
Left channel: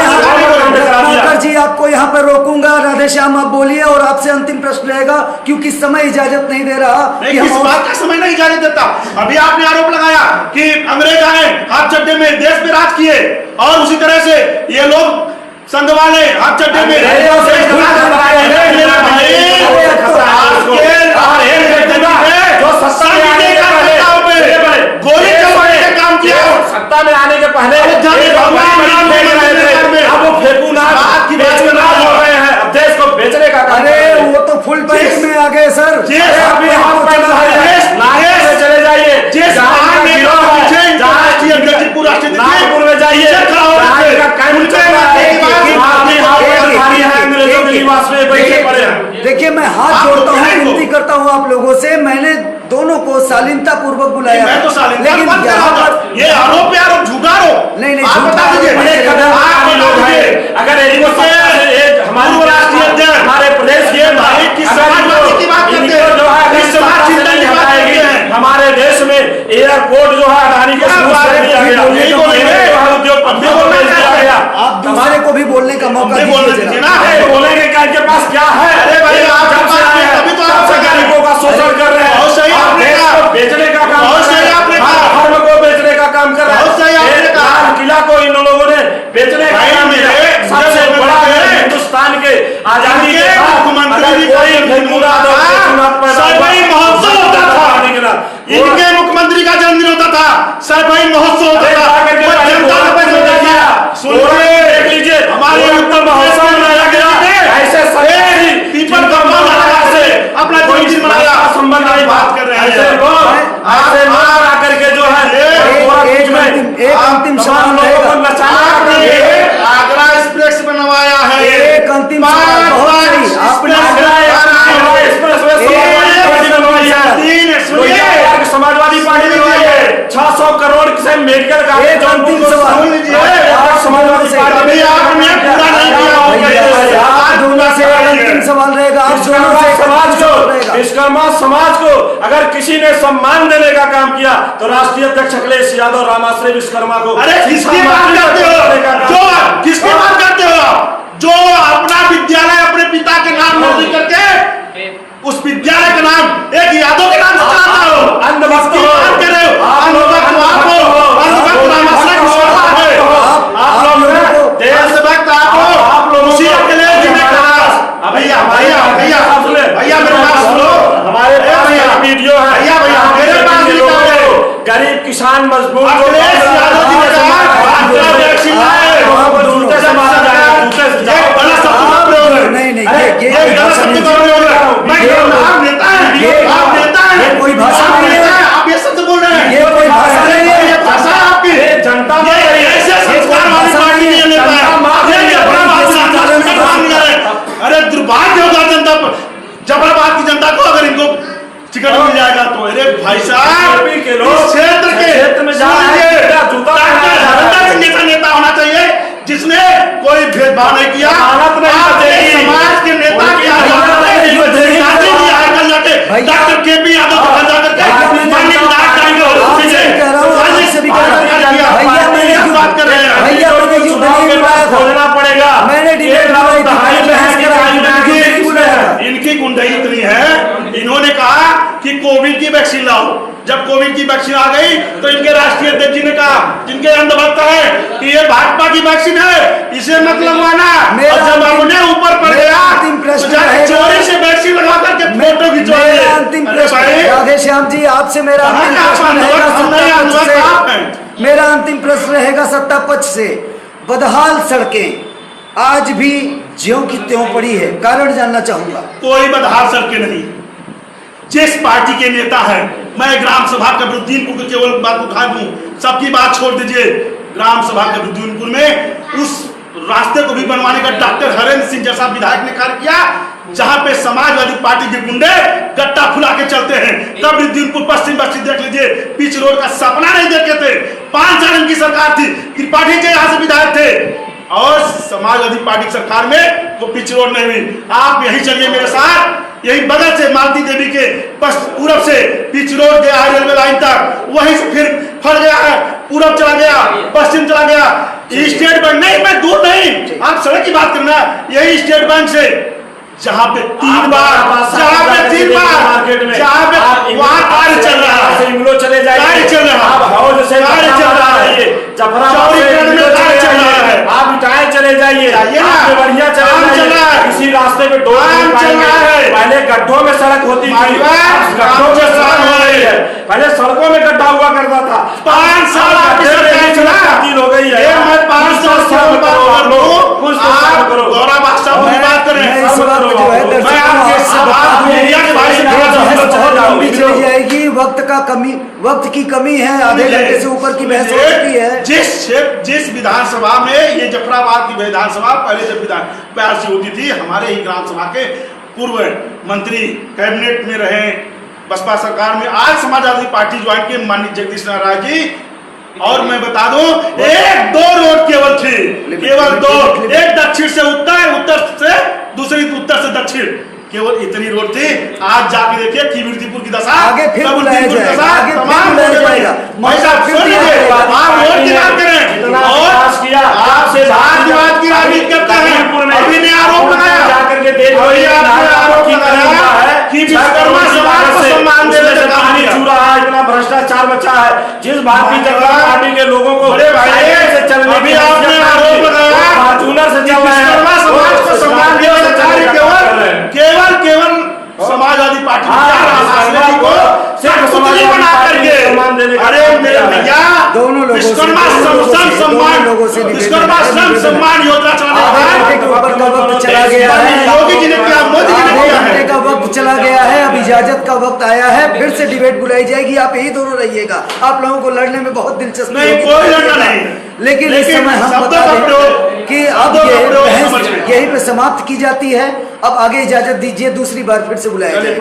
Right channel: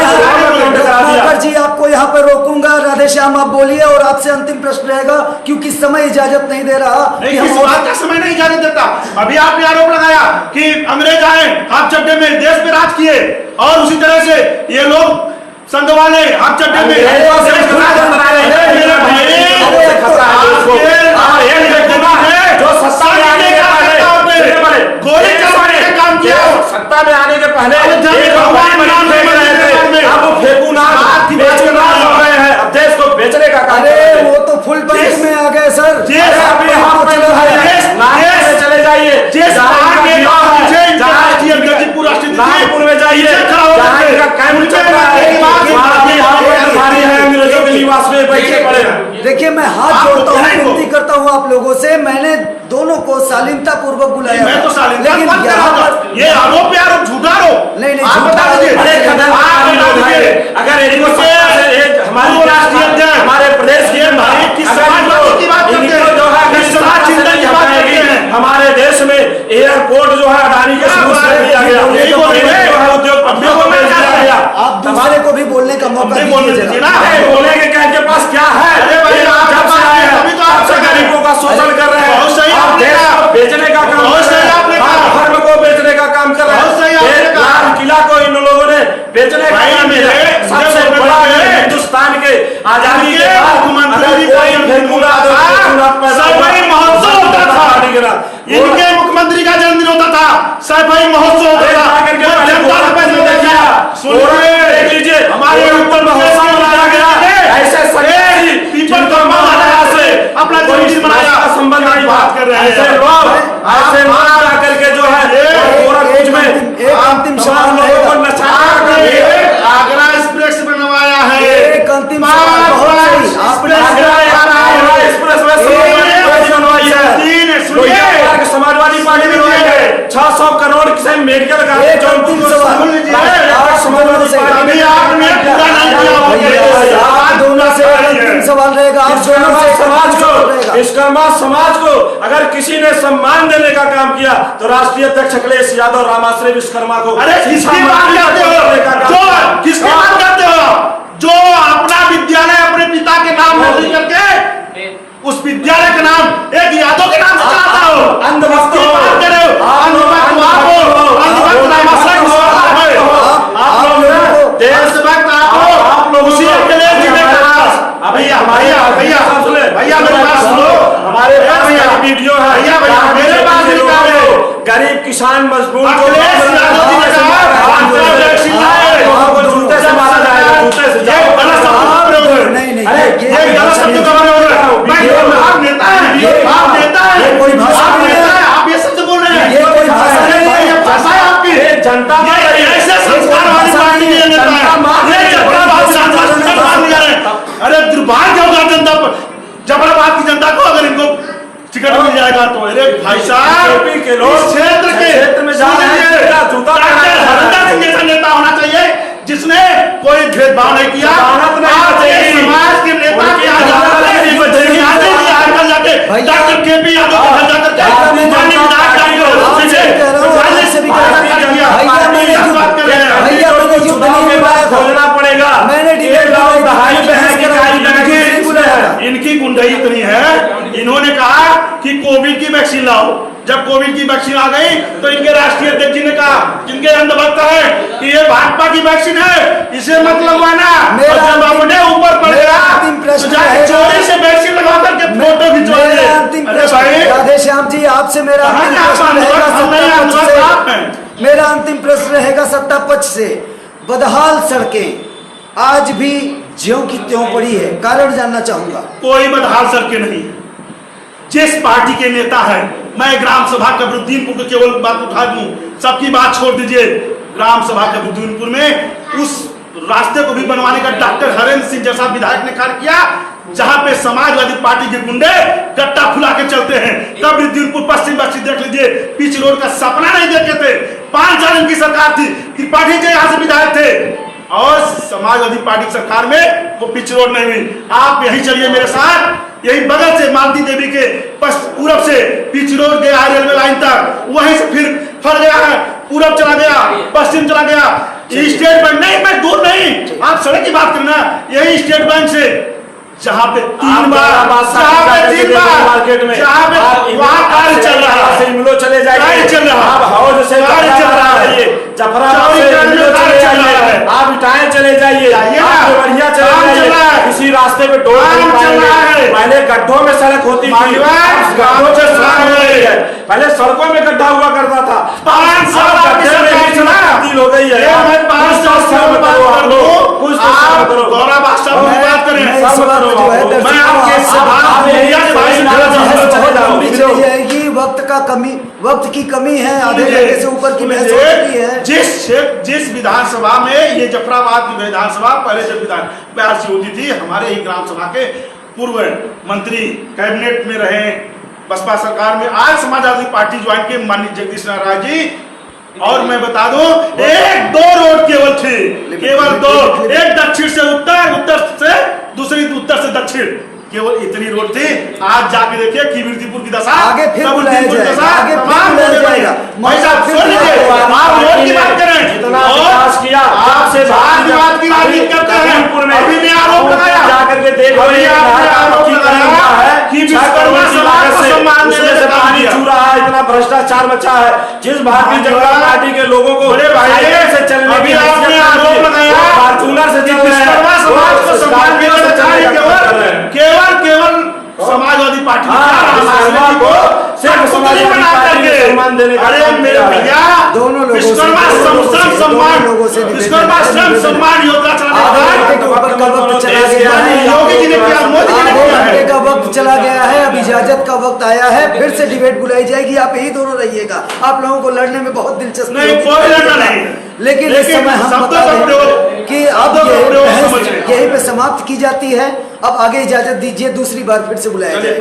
रत्नाकर जी, आपको यहाँ पर रोकूंगा। राधेश्याम आप बोलिए और आपसे अंतिम प्रश्न रहेगा, क्योंकि समय इजाजत नहीं दे रहा। किस बात का समय नहीं इजाजत देता? अभी आपने आरोप लगाया कि अंग्रेज आए, हाथ चड्डे में देश पे राज किए, और उसी तरह से ये लोग संघ वाले हाथ चड्डे में जो सत्ता में आने के पहले गोली चलवाने का काम किया, सत्ता में आने के पहले अब वो फेंकूनाज हो गए हैं, अब देश को बेचने का काम। अरे वो तो फुल पैंट में आ गए सर। अभी हाफ पैंट में चले जाइए, नागपुर में जाइए, अंग्रेजों के निवास में बैठे पड़े हैं। देखिए, मैं हाथ जोड़ता हूँ, विनती करता हूँ आप लोगों से। मैंने दोनों को शालीनता पूर्वक बुलाया, मैं तो शालीनता लेकिन मत यहाँ करो, पर ये आरोप पे आरोप, झूठा आरोप। नहीं आप बता दीजिए, बड़े कदमकारी लोग हैं। अगर इनको सत्ता से हमारी राष्ट्रीय अध्यक्ष हमारे प्रदेश के समाजवादी की बात करते हैं, जो है समाज चिंता की बात करते हैं। हमारे देश में एयरपोर्ट जो है अडानी के शुरू से दिया गया, उद्योगपतियों को मिल गया। आप दूसरे को भी बोलने का मौका दीजिए जरा। बोलेंगे क्या इनके पास क्या है? अरे भाई, आप जब से आए हैं तब से गरीबों का शोषण कर रहे हैं, आप देश को बेचने का काम कर रहे हैं, धर्म को बेचने का काम कर रहे हैं। लाल किला को इन लोगों ने बेचने का काम किया। सबसे बड़ा है हिंदुस्तान के आजादी के इनके मुख्यमंत्री का जन्मदिन होता था, सैफई महोत्सव होता था, देख लीजिए हमारे उत्तर महोत्सव मनाया गया। ऐसे पीपल का से अपना जन्मदिन मनाया, संबंध नहीं बात कर रहे हैं। ऐसे लोग आकर के जो है एक अंतिम सवाल रहेगा। आगरा एक्सप्रेस बनवाया है, एक अंतिम सवाल, बहुत सही। आपने समाजवादी पार्टी बनवाई है, 600 करोड़ से मेडिकल का एक अंतिम सवाल समाजवादी पार्टी आपने पूरा नहीं किया। आप दोनों से एक अंतिम सवाल रहेगा। आप दोनों से समाज को अगर किसी ने सम्मान देने का काम किया तो राष्ट्रीय अध्यक्ष अखिलेश यादव, रामाश्रय विश्वकर्मा को। अरे किसकी बात करते हो? किसकी बात करते हो? जो अपना विद्यालय अपने पिता के नाम नहीं करके उस विद्यालय का नाम एक यादव के नाम से चलाता हो, अंधभक्त हो, भैया मेरे पास सुनो, हमारे पास वीडियो है भैया मेरे पास गरीब किसान मजदूर कोई भाषा नहीं है। आप ये सच बोल रहे हैं, ये कोई भाषा नहीं है। भाषा है आपकी। जनता ऐसे संस्कार वाली पार्टी नहीं लेता है। अरे दुर्भाग्य होगा जनता पर, जबराबाद की जनता को अगर इनको टिकट मिल जाएगा तो। अरे भाई साहब, के लोग क्षेत्र में जा रहे नेता होना चाहिए जिसने कोई भेदभाव नहीं किया। समाज के नेता निर्दयी इतनी है, इन्होंने कहा कि कोविड की वैक्सीन लाओ। जब कोविड की वैक्सीन आ गई तो इनके राष्ट्रीय अध्यक्ष जी ने कहा, जिनके अंधभक्त है, कि ये भाजपा की वैक्सीन है, इसे मत लगवाना। और जब हमने ऊपर पड़ गया तो जाके चोरी से वैक्सीन लगा करके फोटो खिंचवाइए। अरे भाई राधेश्याम जी, आपसे मेरा अंतिम प्रश्न रहेगा सत्ता पक्ष से। मेरा अंतिम प्रश्न रहेगा सत्ता पक्ष से। बदहाल सड़कें आज भी ज्यों की त्यों पड़ी है, कारण जानना चाहूंगा। कोई बदहाल सड़कें नहीं। जिस पार्टी के नेता है, मैं ग्राम सभा कबरुद्दीनपुर को केवल बात उठा दूं, सबकी बात छोड़ दीजिए। ग्राम सभा कबरुद्दीनपुर में उस रास्ते को भी बनवाने का डॉक्टर हरेंद्र सिंह जैसा विधायक ने कार्य किया, जहां पे समाजवादी पार्टी के गुंडे गट्टा फुला के चलते हैं। कबरुद्दीनपुर पश्चिम बस्ती देख लीजिए, पिच रोड का सपना नहीं देखे थे। 5 साल की सरकार थी, त्रिपाठी जी यहाँ से विधायक थे, और समाजवादी पार्टी सरकार में वो पिच रोड नहीं हुई। आप यही चलिए मेरे साथ, यही बगल से मालती देवी के पूरब से पिच रोड गया है रेलवे लाइन तक, वहीं से फिर फल गया है, पूरब चला गया, पश्चिम चला गया। स्टेट बैंक नहीं, मैं दूर नहीं, आप सड़क की बात करना। यही स्टेट बैंक से जहाँ पे 3 बार मार्केट में जहाँ पे वहाँ कार्य चल रहा है, इमलो चले जाइए, चल रहा आप हौज से कार्य चल रहा है, जफराबाद से इमलो चले जाइए, आप इटायल चले जाइए, आप बढ़िया चले जाइए। इसी रास्ते पे पहले गड्ढों में सड़क होती थी, गड्ढों में सड़क हो रही है। पहले सड़कों में गड्ढा हुआ करता था, 5 साल आपकी सरकार चला हो गई है। मैं 5 साल से बात कर लो, कुछ तो करो। गौरव बादशाह बात करें, जो है मैं आपके सवाल मीडिया के बारे में बहुत लंबी चली जाएगी। वक्त की कमी है, आधे घंटे से ऊपर की बहस हो चुकी है। जिस विधानसभा में ये जफराबाद की विधानसभा पहले जब प्यार से होती थी, हमारे ही ग्राम सभा के पूर्व मंत्री कैबिनेट में रहे बसपा सरकार में, आज समाजवादी पार्टी ज्वाइन के माननीय जगदीश नारायण जी, और मैं बता दूं 1-2 रोड केवल थे, केवल 2, एक दक्षिण से उत्तर, उत्तर से दूसरी उत्तर से दक्षिण, केवल इतनी रोड थी। आज जाके देखिए कीर्तिपुर की दशा, आगे फिर बुलाया जाएगा, आगे फिर बुलाया जाएगा। भाई साहब सुनिए, आप रोड की बात करें, जितना विकास किया आपसे बात की राजनीति करते हैं। अभी ने आरोप लगाया, जाकर के देख लो, ये आरोप लगाया कि विश्वकर्मा समाज को सम्मान देने से पानी छू रहा है, इतना भ्रष्टाचार मचा है। जिस भारतीय जनता पार्टी के लोगों को बड़े भाई से चलने की आरोप लगाया, फॉर्च्यूनर से चल रहे हैं, विश्वकर्मा समाज को सम्मान देने से केवल समाजवादी पार्टी को सिर्फ समाजवादी पार्टी को सम्मान देने का। अरे मेरे भैया, दोनों लोगों से विश्वकर्मा श्रम सम्मान योजना आधे का वक्त चला गया है, योगी जी ने किया, मोदी जी ने किया है। घंटे का वक्त चला गया है, अब इजाजत का वक्त आया है, फिर से डिबेट बुलाई जाएगी। आप यही दोनों रहिएगा, आप लोगों को लड़ने में बहुत दिलचस्पी नहीं, कोई लड़ना नहीं। लेकिन इस समय हम बता दें कि अब यही पे समाप्त की जाती है। अब आगे इजाजत दीजिए, दूसरी बार फिर से बुलाया जाए।